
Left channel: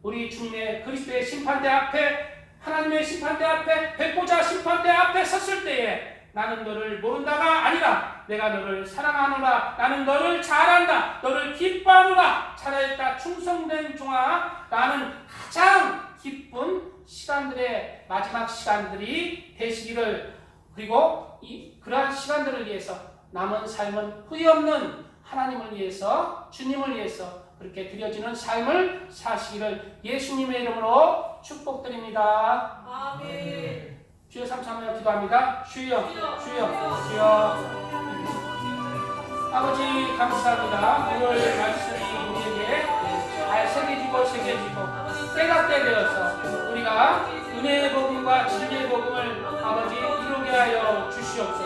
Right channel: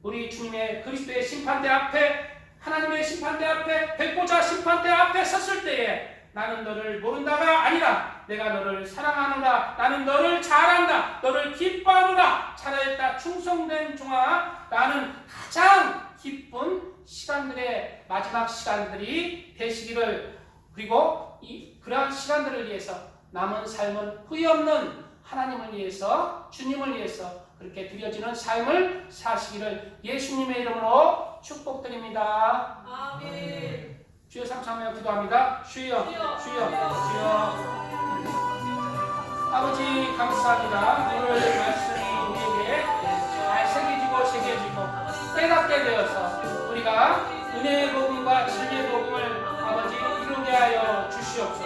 우리 주님의 그리스도의 심판대 앞에 하나님의 심판대 앞에 백보자 심판대 앞에 섰을 때에 나는 너를 모른다가 아니라 내가 너를 사랑하노라. 나는 너를 잘 안다. 너를 기뻐하노라. 살아있다 충성된 종아. 나는 가장 기쁜 시간들의 마지막 시간들이 되시기를, 그리고 그러한 시간들을 위해서 남은 삶은 후회 없는 하나님을 위해서 주님을 위해서 그렇게 드려지는 삶을 사시기를 예수님의 이름으로 축복드립니다. 아멘. 주여 삼삼하여 기도합니다. 주여, 주여, 주여. 아버지 감사합니다. 오늘 말씀이 우리에게 잘 새겨지고 깨닫게 되어서 우리가 은혜의 복음과 진리의 복음을 아버지 이루게 하여 주시옵소서.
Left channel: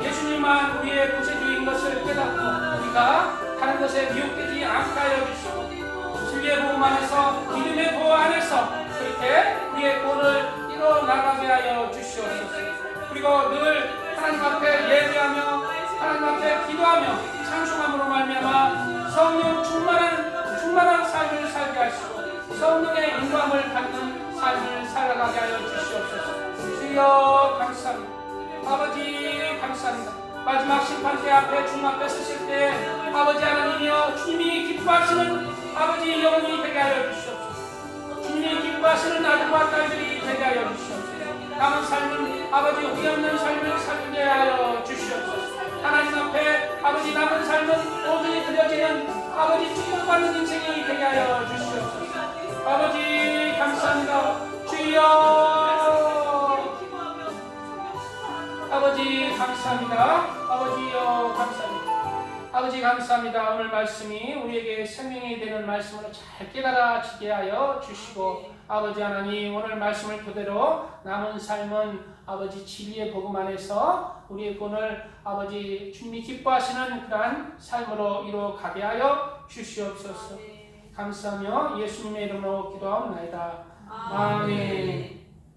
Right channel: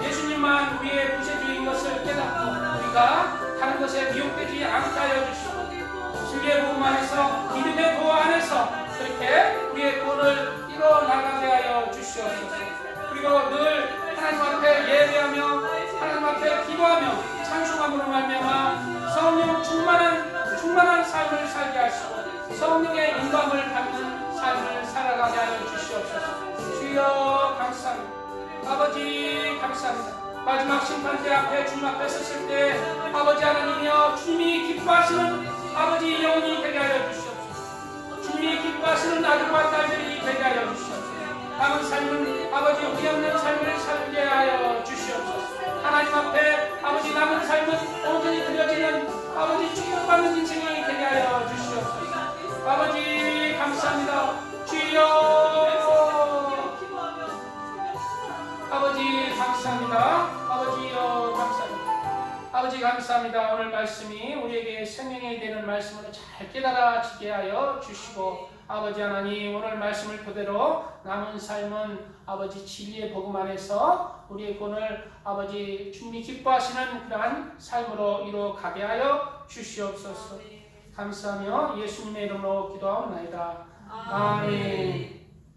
예수님만 우리의 구세주인 것을 깨닫고 우리가 다른 것에 미혹되지 않게 하여 주시옵소서. 진리의 복음 안에서 믿음의 도화 안에서 그렇게 우리의 구원을 이뤄나가게 하여 주시옵소서. 그리고 늘 하나님 앞에 예배하며 하나님 앞에 기도하며 찬송함으로 말미암아 성령 충만한 삶을 살게 하시고 성령의 인도함을 받는 삶을 살아가게 하여 주시옵소서. 주여 감사합니다. 아버지 감사합니다. 마지막 심판대 앞에 주님 앞에 섰을 때 아버지 하나님이여 주님이 기뻐하시는 아버지 영이 되게 하여 주시옵소서. 주님이 기뻐하시는 아들과 딸들이 되게 하여 주시옵소서. 남은 삶은 아버지 후회 없는 삶을 살게 하여 주시옵소서. 하나님 앞에 아버지 남은 삶은 온전히 드려지는 아버지 축복받는 인생이 되게 하여 주시옵소서. 아버지 감사합니다. 주여 아버지 감사합니다. 아버지여 감사합니다. 아버지 감사합니다. 오늘 말씀이 우리에게 생명이 되는 말씀으로 잘 깨달아지게 하여 주시고 아버지 하나님 오늘 말씀을 그대로 남은 삶은 아버지 진리의 복음 안에서 우리의 본을 아버지 주님이 기뻐하시는 그러한 삶으로 이루어가게 하여 주시옵소서. 감사하며 예수님의 이름으로 기도하옵나이다. 아멘.